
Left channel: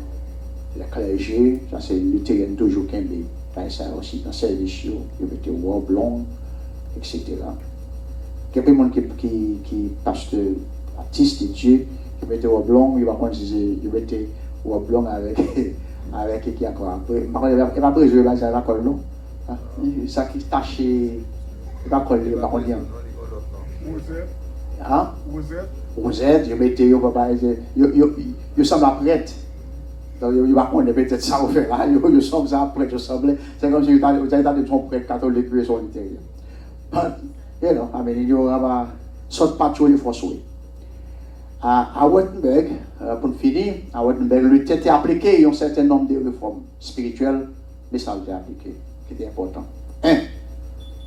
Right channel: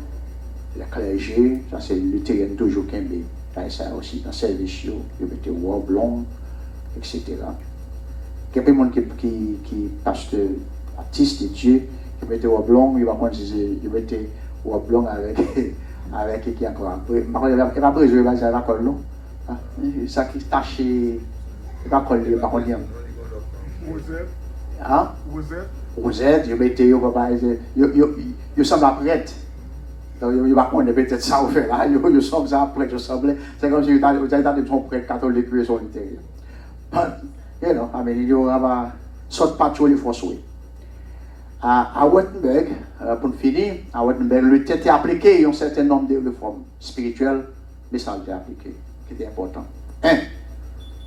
le clergé, ça c'est luthérien toujours qui aime ça aussi dans le service, ils mettent le robe long, etc. Il y a des gens qui pasteur, artiste de Dieu, qui mettent le robe long, ils mettent le robe long avec qui encore. Il n'y a pas besoin de la colle, non? Ça qui tâche, il n'y a pas colle, il n'y a pas colle. Hein? Rosette, je mettais, je semble prête. Donc, il va connaître peut-être ça, on fait là, je semble ça prête, je semble. C'est comme si vous avez son prêtre catholique, lui, son littéraire. You know, I mean, il y aura sorte pas de force. À Wittenberg, pour finir, à Wittenberg, le était appliqué un certain nombre de réformes spirituelles, mais ça a été appliqué, qui était important.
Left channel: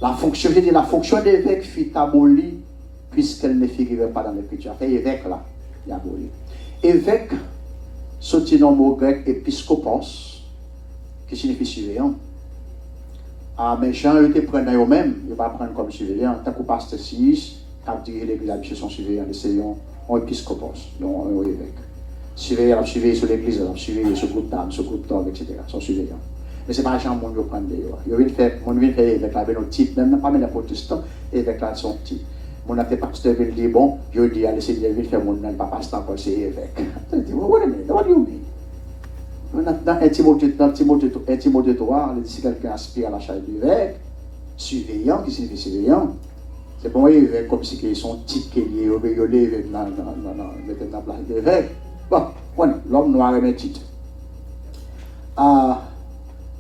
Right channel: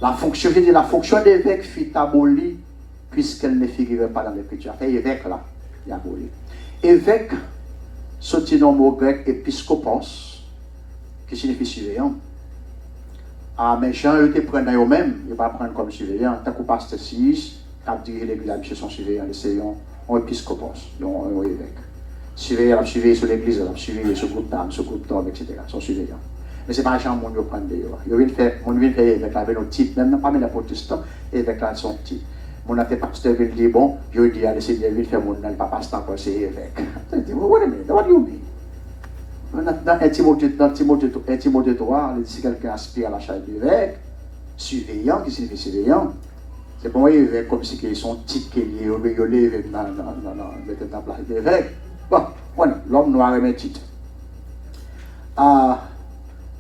La fonction d'évêque fut abolie puisqu'elle ne figurait pas dans l'écriture. Fait évêque là, il a aboli. Évêque, sorti dans le mot grec épiscopos, qui signifie surveillant. Ah, mais Jean, il te prend eux-mêmes, il va prendre comme surveillant. Tant que pasteur 6, quand dirige l'église, chez son surveillant, c'est un épiscopos, donc un évêque. Surveillant, il a surveillé sur l'église, il a surveillé sur le groupe d'âme, sur le groupe d'homme, etc. Son surveillant. Mais ce n'est pas Jean, mon Dieu, prendre d'ailleurs. Il vient faire évêque avec nos titres, même pas les protestants, évêque là, son titre. Mon affaire pasteur il dit bon, je dis à l'essai de faire mon nom, pas pasteur, c'est évêque. Je dis, wait a minute, what do you mean? Dans Timothée 3, si quelqu'un aspire à la charge d'évêque, surveillant, qui signifie surveillant, c'est pour moi évêque comme si c'est son titre qui est lié au évêque dans la place d'évêque. Bon, l'homme noir est un titre.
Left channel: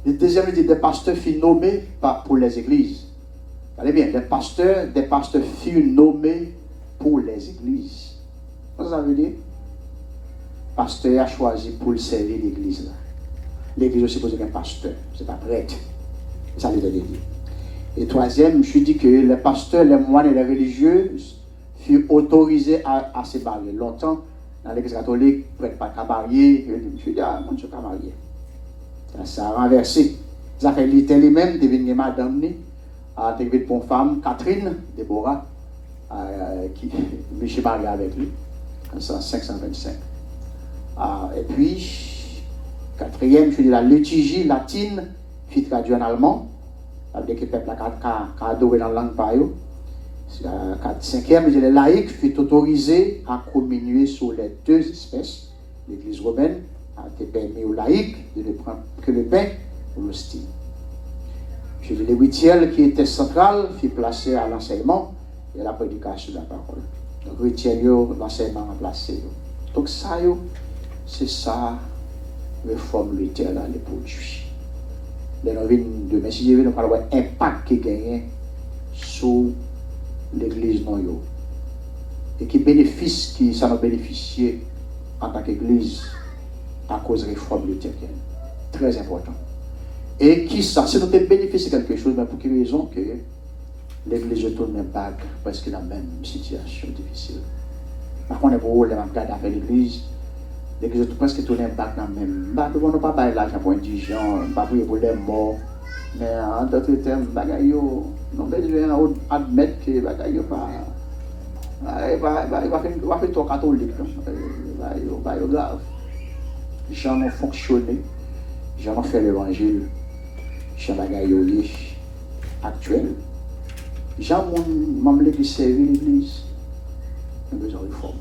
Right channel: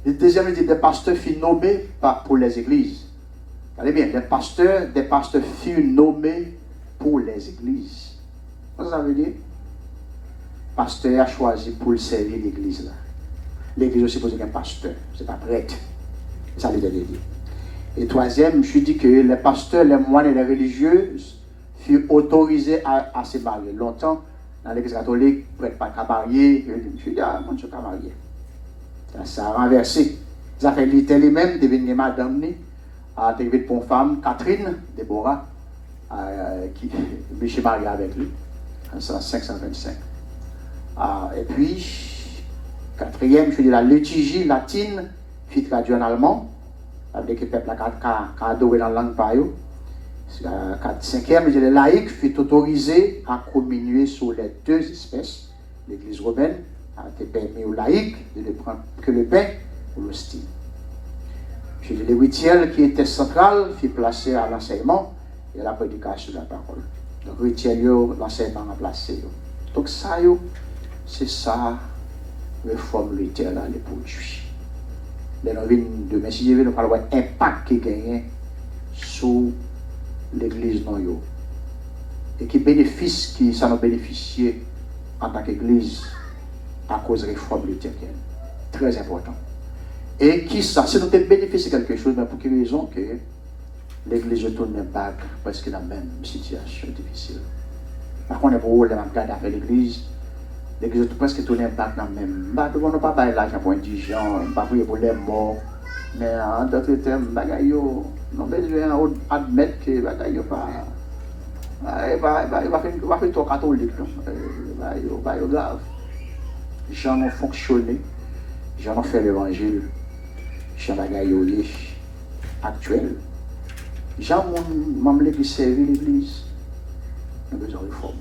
Le deuxième dit des pasteurs furent nommés pour les églises. Allez bien, des pasteurs furent nommés pour les églises. Qu'est-ce que ça veut dire? Pasteur a choisi pour servir l'église. L'église aussi pose un pasteur, c'est pas prêtre. Ça veut dire. Et troisième, je dis que les pasteurs, les moines et les religieux furent autorisés à se marier. Longtemps, dans l'église catholique, prêtre pas qu'à marier. Je dis, moi je suis pas marié. Ça a renversé. Ça fait lui-même devenir madame. À arrivé pour une femme, Catherine, Déborah, qui Michel marié avec lui, en 525. Et puis, quatrième, je dis la liturgie latine, fut traduite en allemand, avec le peuple a adoré dans la langue par eux. Cinquième, je dis les laïcs furent autorisés à communier sur les deux espèces. L'église romaine a été permis aux laïcs de ne prendre que le pain ou l'hostie. Je dis le rituel qui était central fut placé à l'enseignement et à la prédication de la parole. Donc, le rituel, l'enseignement a placé. Donc, ça, c'est ça, réforme rituelle à l'époque. Les novines de Messie, nous parlons de l'impact qui gagne sur l'église non yo. Et qui bénéficie, qui ça nous bénéficié en tant qu'église à cause de la réforme luthérienne. Très important. Et qui ça, si nous avons bénéficié de quelque chose, mais pour quelle raison que l'église tourne pas presque dans la même situation difficile. Par contre, pour les regarder avec l'église presque tourne pas dans la même. Nous ne pas parler l'argent pour indigents, pas pour les morts, mais en d'autres termes, nous avons besoin d'admettre que bagaille pas. Il va faire trop catholique, il va grave. Les gens ont fonctionné, les gens ont fait l'évangile. Jean Bagayoye actuel. Jean Mamle qui servit l'église. Nous avons besoin de réforme.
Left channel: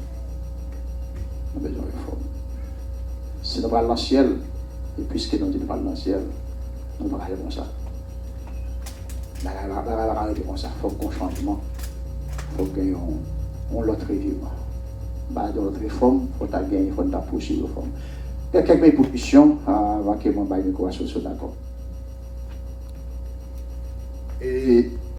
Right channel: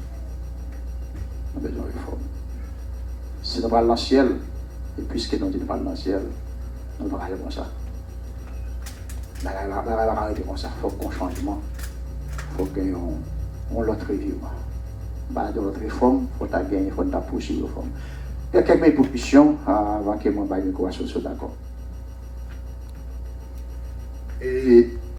Nous avons besoin de réforme. Si nous parlons dans le ciel, et puisque nous parlons dans le ciel, nous devons aller comme ça. Nous devons arrêter comme ça. Il faut qu'on changement. Il faut qu'on l'autre revue. Dans notre réforme, il faut gagner, il faut pousser la réforme. Il y a quelques propositions avant que je ne sois d'accord. Et